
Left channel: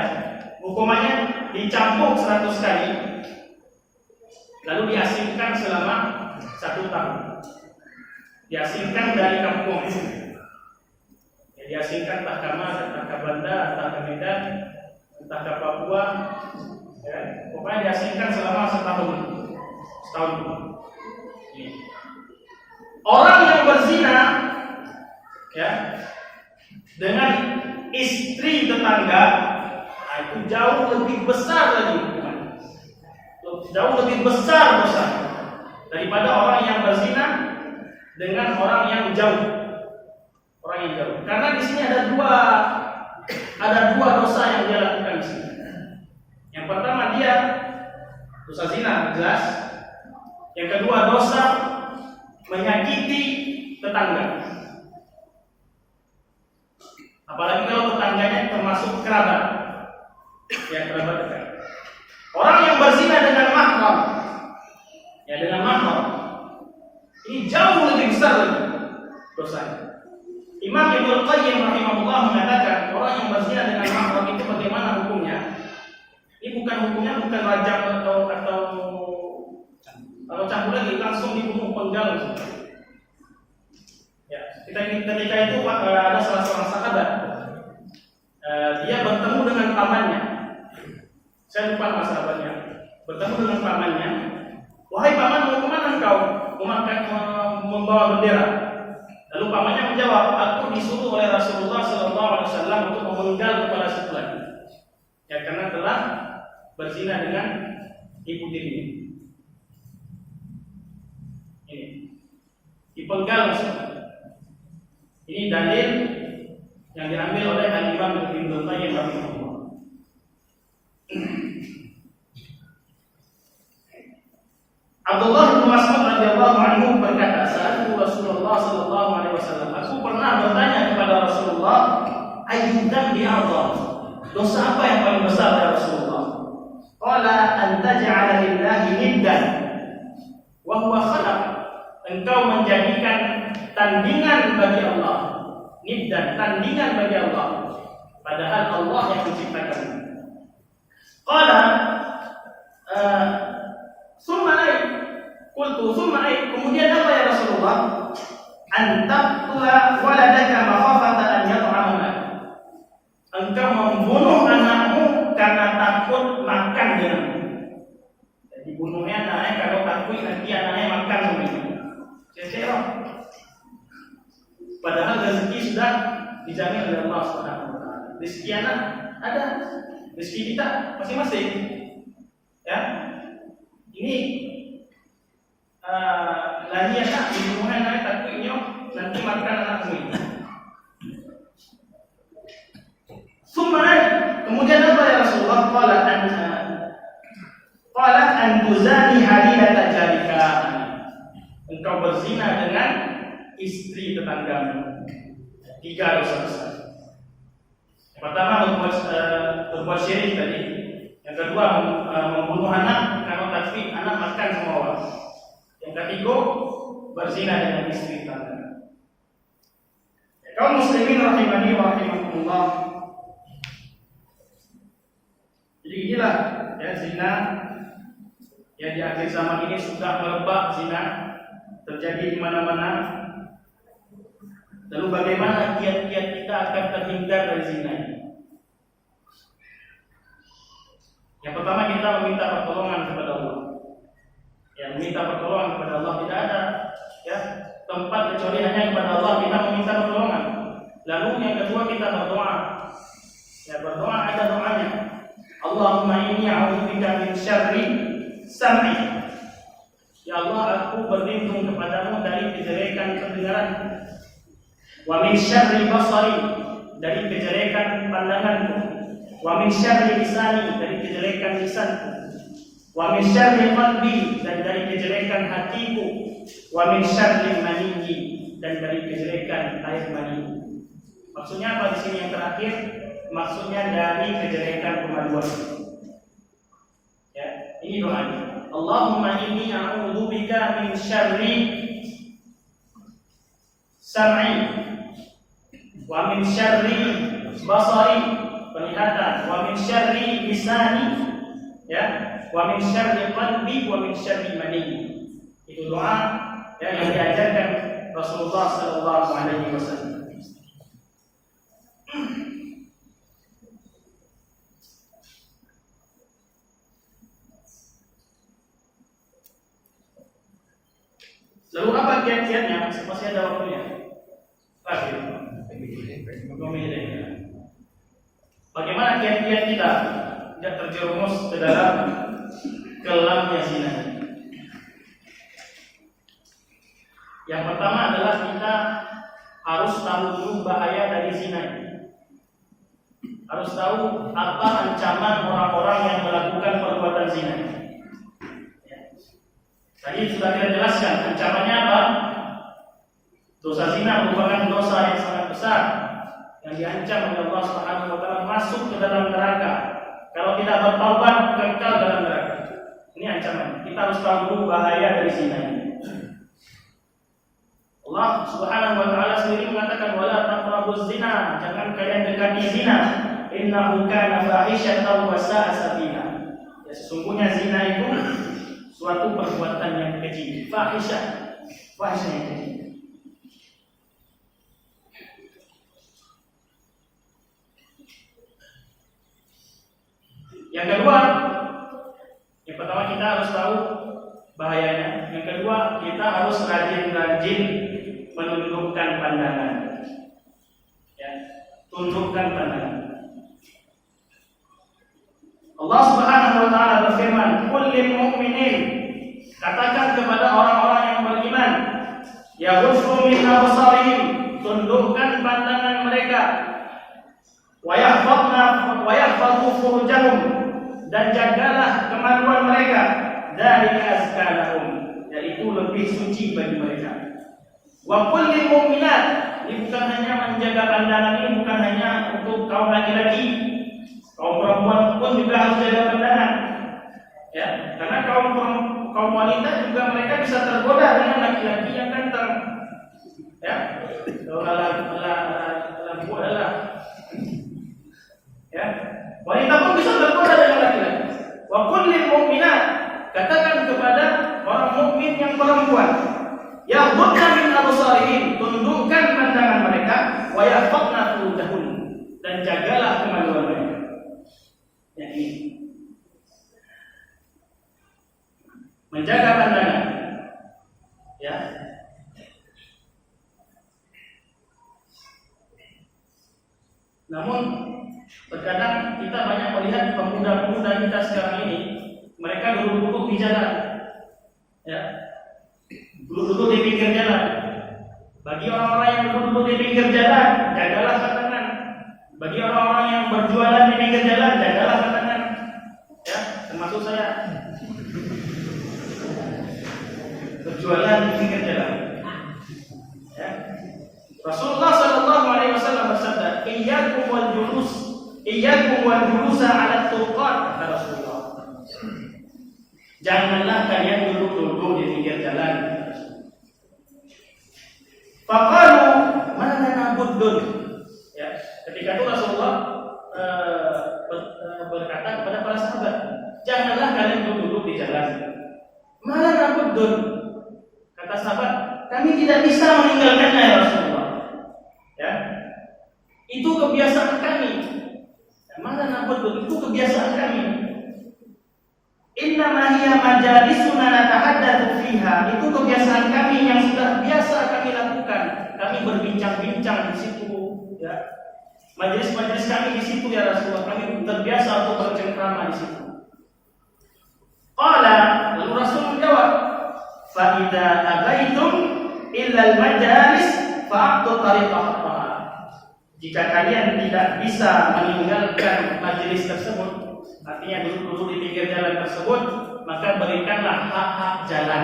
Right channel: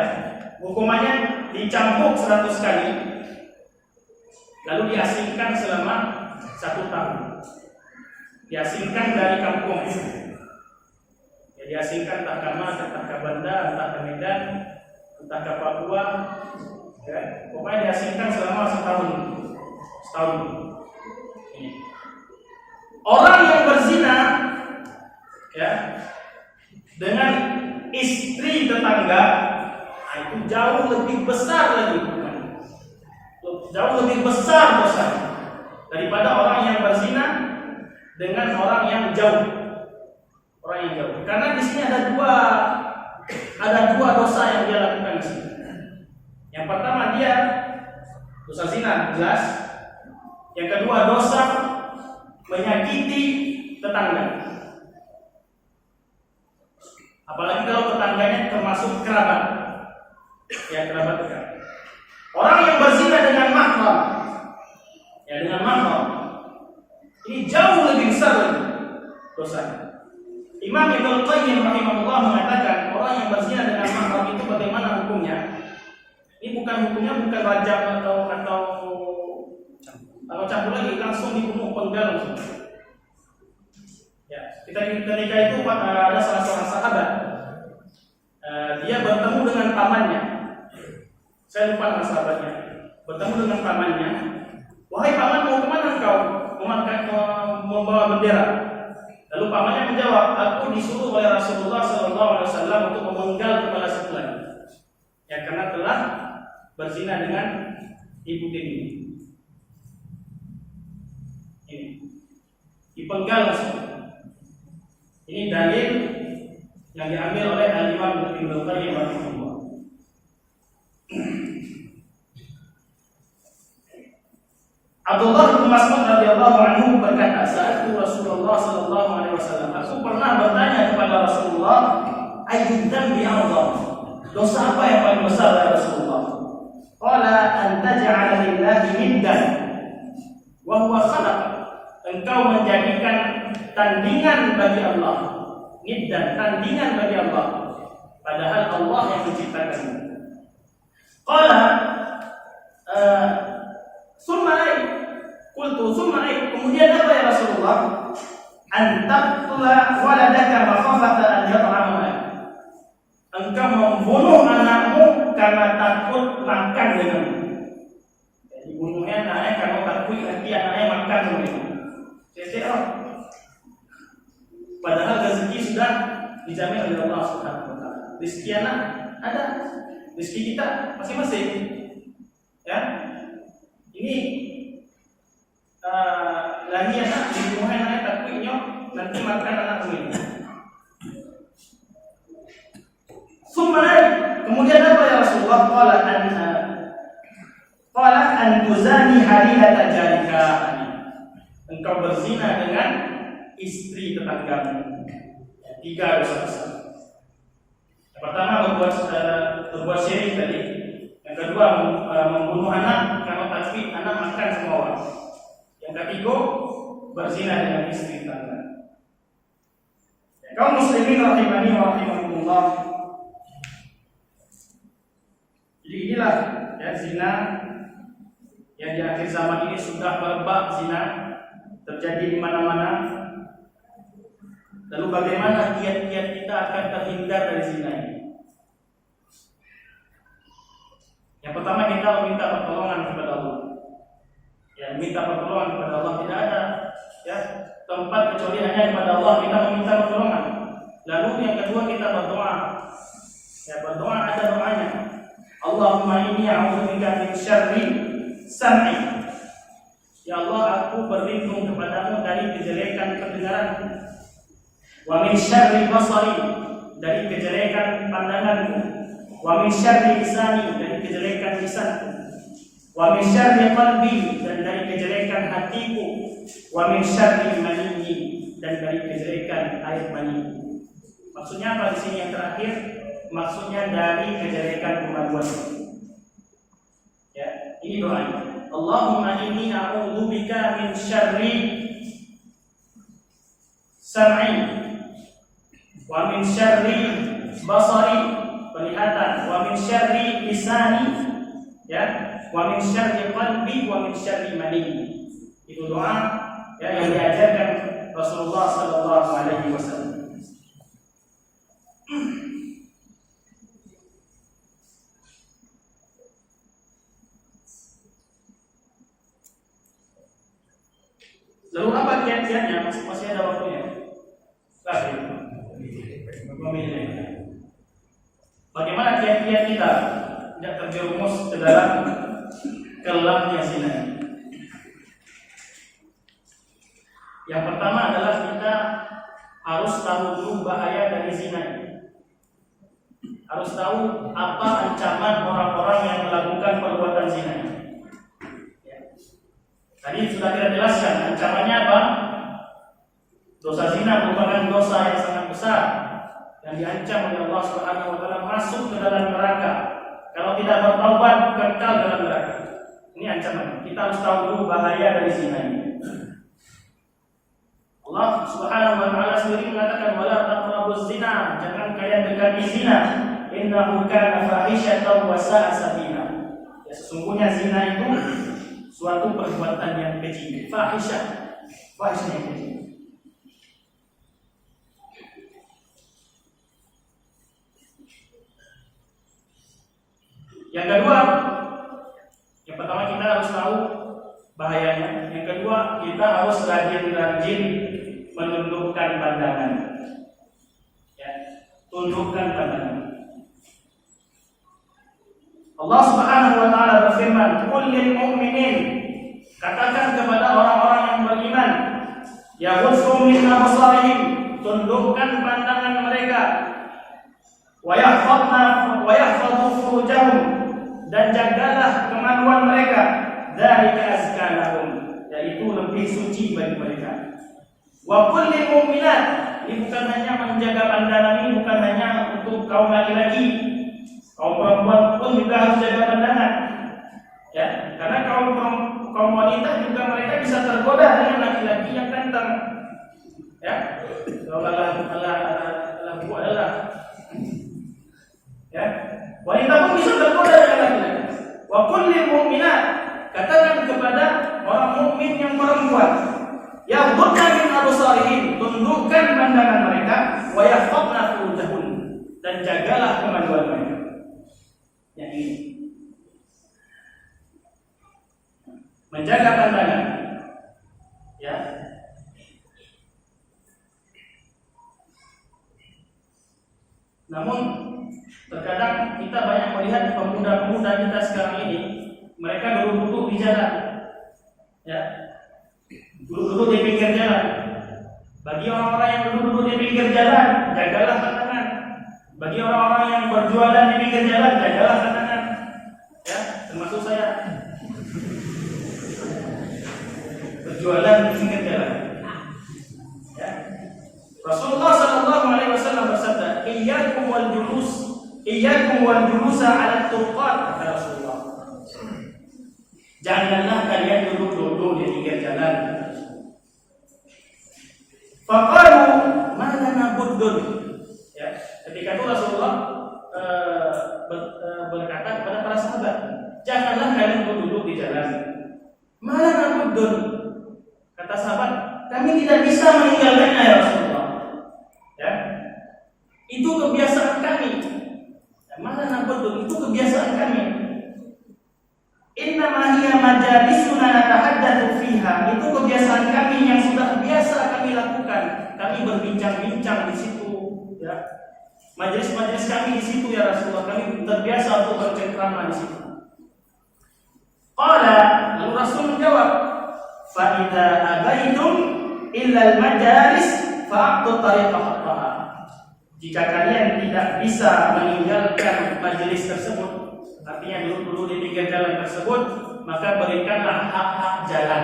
hukumannya dicambuk 100 kali, lalu diasingkan selama 1 tahun. Diasingkan dari kampung, ya, diasingkan entah ke Mas, entah ke Banda, entah ke Medan, entah ke Papua, ya, pokoknya diasingkan selama setahun. Orang yang berzina, ya, dengan istri tetangga, nah itu jauh lebih besar lagi hukumannya, jauh lebih besar dosanya daripada orang yang berzina dengan orang yang jauh. Karena di sini ada dua dosa yang dia lakukan di sini. Yang pertama dia dosa zina jelas. Yang kedua dosa menyakiti tetangga. Apalagi kalau tetangganya termasuk kerabat, ya, kerabat dekat. Orang yang berzina dengan mahram, ya, dengan mahram, ini jauh lebih besar lagi dosanya. Imam Ibnu Qayyim rahimahullah mengatakan orang yang berzina dengan mahram itu bagaimana hukumnya? Ini hukumnya bukan rajam atau kalau campur lagi langsung dibunuh, penggal langsung. Ya, ketika itu ada salah seorang sahabat, dia bertemu dengan pamannya. Saya lupa nama sahabatnya. Bertemu dengan pamannya. Wahai paman, mau kemana engkau? Membawa bendera. Lalu pamannya menjawab, aku disuruh oleh Rasulullah SAW untuk memenggal kepala si fulan. Ya, karena telah berzina dengan ibu tirinya. Ini dipenggal semua. Ini dalil yang diambil oleh Al-Imam Ibnu Qayyim rahimahullah. Abdullah bin Mas'ud radhiyallahu anhu berkata, "Sa'altu Rasulullah sallallahu alaihi wasallam." Aku pernah bertanya kepada Rasulullah, "Ayyud dzambi a'dham?" Dosa apa yang paling besar ya Rasulullah? Qala an taj'ala lillahi niddan wa huwa khalaq. Engkau menjadikan tandingan bagi Allah, niddan, tandingan bagi Allah, padahal Allah yang menciptakannya. Qala summa ay, qultu summa ay, kemudian apa ya Rasulullah? An taqtula waladaka makhafata an yat'ama mak. Engkau membunuh anakmu karena takut makan denganmu. Jadi bunuhnya anaknya kalau takut nanti anaknya makan denganmu. Padahal rezeki sudah dijamin oleh Allah Subhanahu wa taala. Rezeki anak ada, rezeki kita masing-masing. Ya. Ini lahir anak dibunuh anak takutnya nanti makan anak ini. Sumai, kemudian apa ya Rasulullah? Qala an tuzani halilata jarika. Engkau berzina dengan istri tetanggamu. 3 dosa besar. Yang pertama berbuat syirik tadi. Yang kedua membunuh anak karena takfir anak makan semua orang. Yang ketiga berzina dengan istri tetangga. Kaum muslimin rahimani wa rahimakumullah. Jadi inilah ya zina yang di akhir zaman ini sudah merebak zina. Terjadi di mana-mana. Lalu bagaimana kiat-kiat kita akan terhindar dari zina ini? Yang pertama kita meminta pertolongan kepada Allah. Ya, meminta pertolongan kepada Allah, tidak ada ya tempat kecuali hanya kepada Allah kita meminta pertolongan. Lalu yang kedua kita berdoa. Ya, berdoa ada doanya. Allahumma inni a'udzubika min syarri sam'i. Ya Allah, aku berlindung kepadamu dari kejelekan pendengaranku. Wa min syarri basari, dari kejelekan pandanganku. Wa min syarri lisani, dari kejelekan lisanku. Wa min syarri qalbi, dan dari kejelekan hatiku. Wa min syarri maniyyi, dan dari kejelekan air maniku. Maksudnya apa di sini yang terakhir? Maksudnya dari kejelekan kemaluan. Ya, ini doanya. Allahumma inni a'udzubika min syarri sam'i wa min syarri basari, penglihatan, wa min syarri lisani, ya, wa min syarri qalbi, wa min syarri mani. Itu doa ya yang diajarkan Rasulullah sallallahu alaihi wasallam. Lalu apa kiat-kiatnya? Masih ada waktunya. Bagaimana kiat-kiat kita tidak terjerumus ke dalam kelamnya zina? Yang pertama adalah kita harus tahu dulu bahaya dari zina. Harus tahu apa ancaman orang-orang yang melakukan perbuatan zina. Tadi sudah kita jelaskan ancamannya apa? Dosa zina merupakan dosa yang sangat besar yang diancam oleh Allah Subhanahu wa taala masuk ke dalam neraka. Kalau tidak bertaubat kekal dalam neraka. Ini ancaman. Kita harus tahu dulu bahaya dari zina. Allah Subhanahu wa taala sendiri mengatakan wala taqrabuz zina, jangan kalian dekati zina. Innahu kana fahisyatan wa sa'a sabila. Ya, sesungguhnya zina itu suatu perbuatan yang keji, fahisyah yang keji. Yang kedua, yang pertama kita harus tahu bahayanya. Yang kedua, kita harus rajin-rajin menundukkan pandangan. Ya, tundukkan pandangan. Allah Subhanahu wa taala berfirman, "Qul lil mu'minin," katakan kepada orang-orang yang beriman, "Yaghuddu min absarihim," tundukkan pandangan mereka, "wa yahfadhu furujahum," dan jagalah kemaluan mereka, "dzalika azka lahum," yaitu lebih suci bagi mereka. Wa qul lil mu'minat, ini bukan hanya menjaga pandangan, ini bukan hanya untuk kaum laki-laki. Kaum perempuan pun juga harus jaga pandangan, ya, karena kaum wanita juga mereka bisa tergoda dengan laki-laki yang ganteng, ya. Kalau adalah, ya, wanita pun bisa tergoda dengan laki-laki. Wa qul lil mu'minat, katakan kepada orang mukmin yang perempuan, yaghdudna min absarihim, tundukkan pandangan mereka, wa yahfadna furujahun, dan jagalah kemaluan mereka. Yang ini menjaga pandangan, ya. Namun terkadang kita banyak melihat pemuda-pemuda kita sekarang ini, mereka duduk-duduk di jalan, ya, duduk-duduk di pinggir jalan. Bagi orang-orang yang duduk-duduk di pinggir jalan, jagalah pandangan. Bagi orang-orang yang berjualan di pinggir jalan, jagalah pandangan, ya, termasuk saya berjualan di pinggir jalan, ya. Rasulullah sallallahu alaihi wasallam bersabda, "Iyyakum wal julusa 'ala tuqat," kata Rasulullah. Janganlah kalian duduk-duduk di pinggir jalan. Faqalu ma lana buddun. Ya, ketika itu Rasulullah berkata kepada para sahabat, janganlah kalian duduk di jalan. Mana nabuddun? Kata sahabat, kami tidak bisa meninggalkannya ya Rasulullah. Ya, itu kebiasaan kami. Mana nabuddun? Itu kebiasaan kami. Innama hiya majalisuna natahaddatsu fiha. Itu kebiasaan kami yang sudah biasa kami lakukan. Kami berbincang-bincang di situ. Ya, majelis-majelis kami di situ ya Rasulullah, kami terbiasa untuk bercengkrama di situ. Qala, lalu Rasul menjawab, fa idza abaitum illa al-majalis fa'tu tariqah haqqaha. Jika kalian tidak bisa meninggalkan majelis tersebut, artinya duduk-duduk di pinggir jalan tersebut, maka berikanlah hak-hak jalan.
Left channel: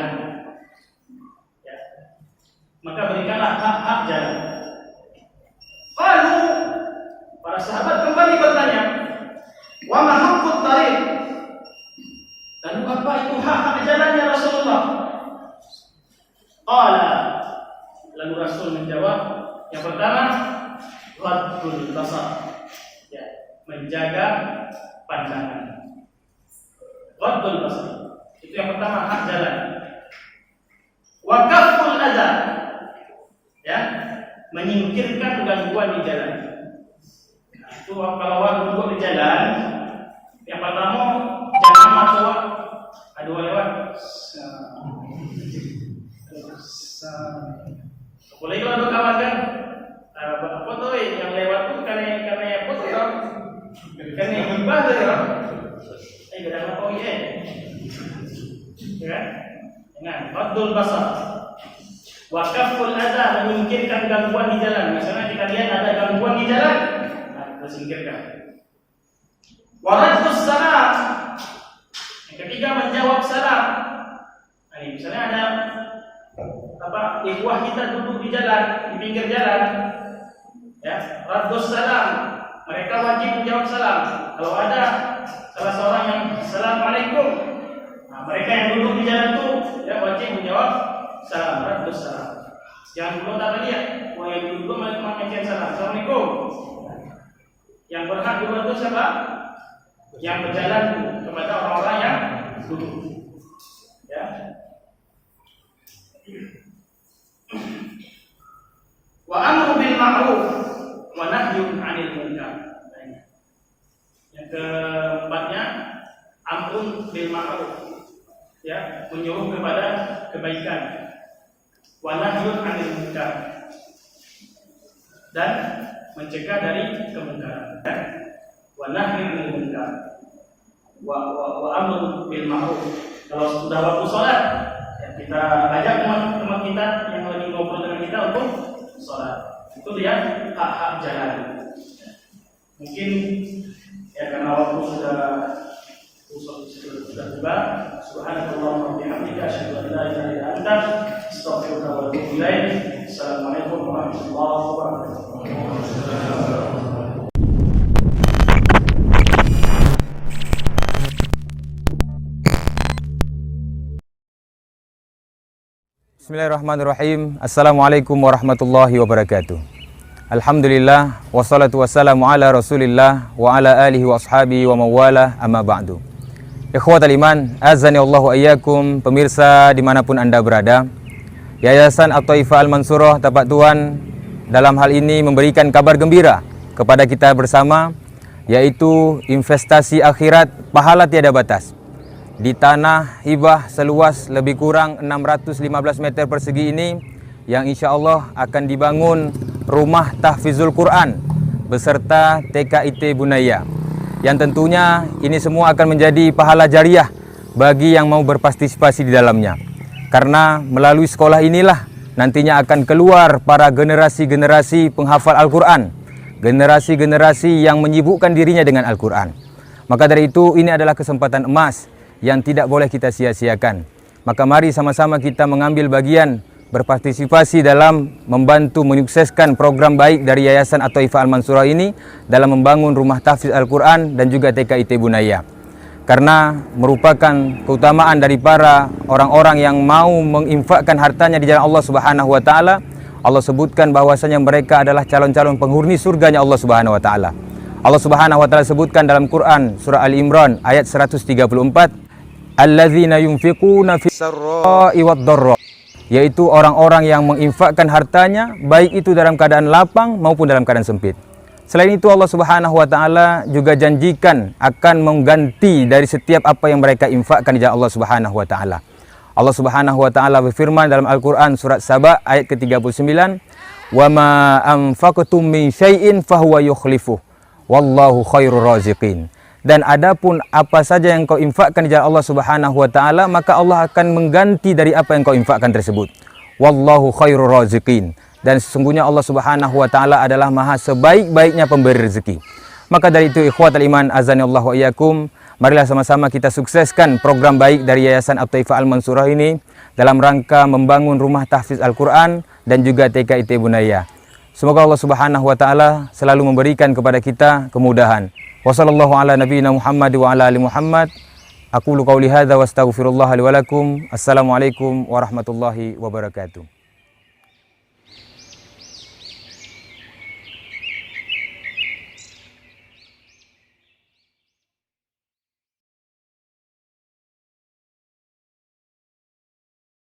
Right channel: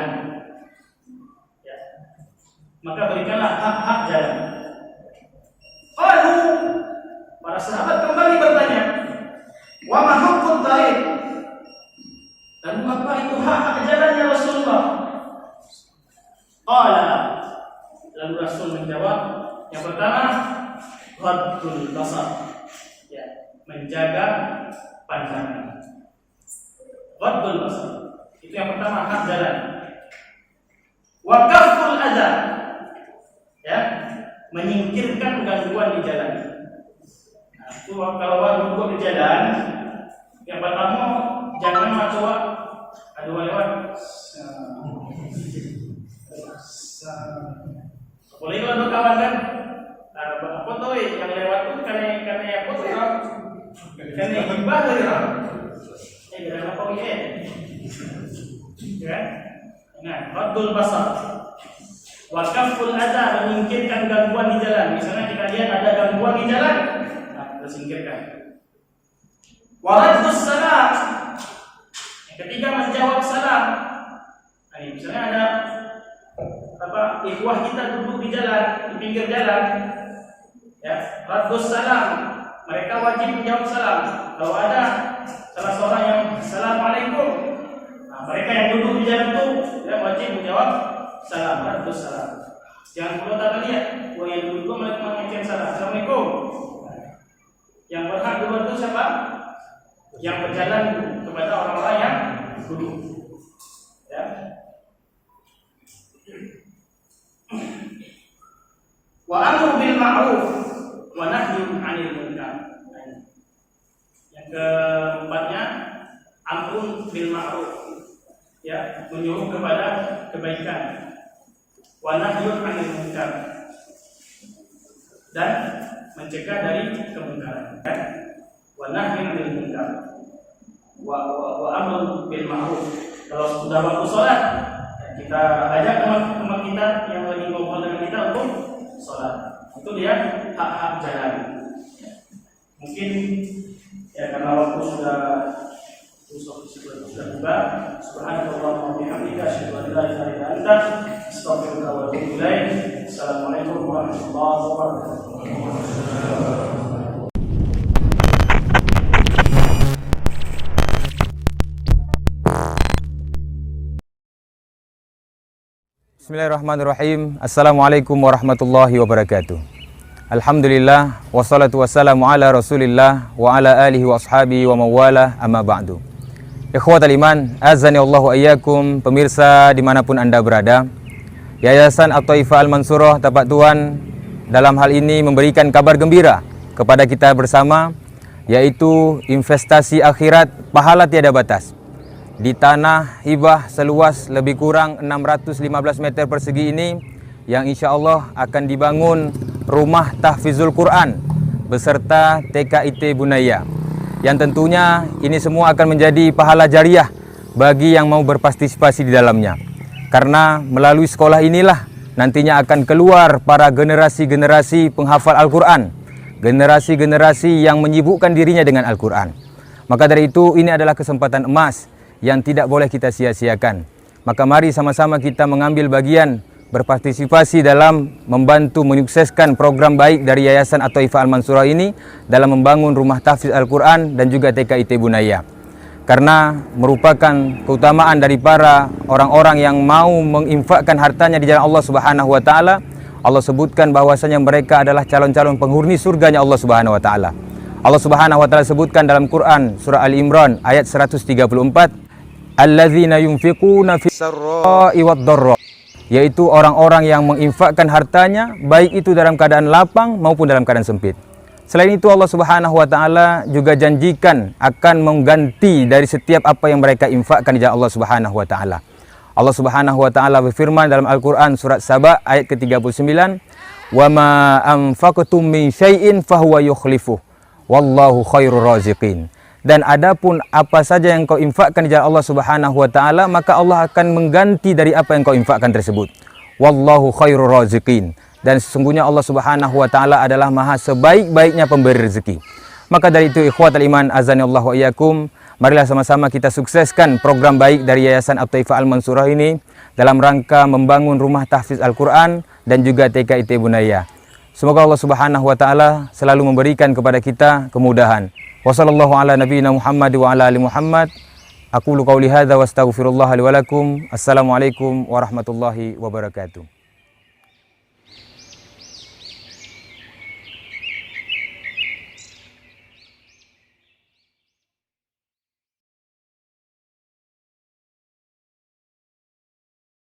Ya. Maka berikanlah hak-hak jalan. Lalu para sahabat kembali bertanya, wa ma haqqut tariq? Lalu apa itu hak-hak jalan ya Rasulullah? Qala, lalu Rasul menjawab, yang pertama ghaddul basar, ya, menjaga pandangan. Ghaddul basar, itu yang pertama, hak jalan. Wa kafful adza, ya, menyingkirkan gangguan di jalan. Nah, itu kalau orang duduk di jalan, yang pertama jangan masuk ada lewat. Boleh kalau ada kawan kan, ada foto yang lewat tuh karena ya foto ya, karena gibah tuh ya. Kita apa ya? Nah, ghaddul basar. Wa kafful adza, menyingkirkan gangguan di jalan. Misalnya kita lihat ada gangguan di jalan, nah kita singkirkan. Wa raddus salam, yang ketiga menjawab salam. Nah, ini misalnya ada ikhwah kita duduk di jalan, di pinggir jalan, ya, raddus salam, mereka wajib menjawab salam. Kalau ada salah seorang yang assalamualaikum, nah, mereka yang duduk di jalan itu ya wajib menjawab salam, raddus salam. Jangan belum tak lihat, yang duduk mengucapkan salam, assalamualaikum. Yang berhak duluan itu siapa? Yang berjalan kepada orang-orang yang duduk. Ya. Wa amru bil ma'ruf wa nahyun 'anil munkar. Yang keempatnya amrun bil ma'ruf, ya, menyuruh kepada kebaikan. Wa nahyun 'anil munkar, dan mencegah dari kemungkaran. Wa nahyun 'anil munkar. Wa amrun bil ma'ruf. Kalau sudah waktu salat, kita ajak teman-teman kita yang lagi ngobrol dengan kita untuk sholat. Itu dia hak-hak jalan. Mungkin ya karena waktu sudah tiba. Subhanallah wa bihamdihi, asyhadu an la ilaha illa anta, astaghfiruka wa atubu ilaik. Assalamualaikum warahmatullahi wabarakatuh. Bismillahirrahmanirrahim. Assalamualaikum warahmatullahi wabarakatuh. Alhamdulillah, wassalatu wassalamu ala rasulillah wa ala alihi wa ashabihi wa mawalah, amma ba'du. Ikhwatal iman, azani Allahu ayyakum, pemirsa dimanapun anda berada. Yayasan At-Thaifah Al-Mansurah Tapak Tuan dalam hal ini memberikan kabar gembira kepada kita bersama, yaitu investasi akhirat pahala tiada batas. Di tanah hibah seluas lebih kurang 615 meter persegi ini, yang insya Allah akan dibangun rumah tahfizul Quran beserta TKIT Bunaya, yang tentunya ini semua akan menjadi pahala jariah bagi yang mau berpartisipasi di dalamnya, karena melalui sekolah inilah nantinya akan keluar para generasi-generasi penghafal Al-Quran, generasi-generasi yang menyibukkan dirinya dengan Al-Quran. Maka dari itu ini adalah kesempatan emas yang tidak boleh kita sia-siakan. Maka mari sama-sama kita mengambil bagian, berpartisipasi dalam membantu menyukseskan program baik dari Yayasan At-Thaifah Al-Mansurah ini dalam membangun rumah tahfiz Al-Quran dan juga TKIT Bunaya. Karena merupakan keutamaan dari para orang-orang yang mau menginfakkan hartanya di jalan Allah Subhanahu wa taala. Allah sebutkan bahwasanya mereka adalah calon-calon penghuni surganya Allah Subhanahu wa taala. Allah Subhanahu wa taala sebutkan dalam Quran surah Ali Imran ayat 134, alladzina yunfiquna fis sarra'i wad dharra, yaitu orang-orang yang menginfakkan hartanya baik itu dalam keadaan lapang maupun dalam keadaan sempit. Selain itu Allah Subhanahu wa taala juga janjikan akan mengganti dari setiap apa yang mereka infakkan di jalan Allah Subhanahu wa taala. Allah Subhanahu wa taala berfirman dalam Al-Qur'an surat Saba ayat ke-39, "Wa ma anfaqtum min syai'in fahuwa yukhlifuh wallahu khairur raziqin." Dan adapun apa saja yang kau infakkan di jalan Allah Subhanahu wa taala, maka Allah akan mengganti dari apa yang kau infakkan tersebut. Wallahu khairur raziqin. Dan sesungguhnya Allah Subhanahu wa taala adalah maha sebaik-baiknya pemberi rezeki. Maka dari itu ikhwatal iman azanillahu wa iyyakum, marilah sama-sama kita sukseskan program baik dari Yayasan At-Taifah Al-Mansurah ini dalam rangka membangun rumah tahfiz Al-Qur'an dan juga TK IT Bunaya. Semoga Allah Subhanahu wa taala selalu memberikan kepada kita kemudahan. Wassallallahu ala nabiyina Muhammad wa ala ali Muhammad. Aqulu qauli hadza wa astaghfirullah li wa lakum. Assalamualaikum warahmatullahi wabarakatuh.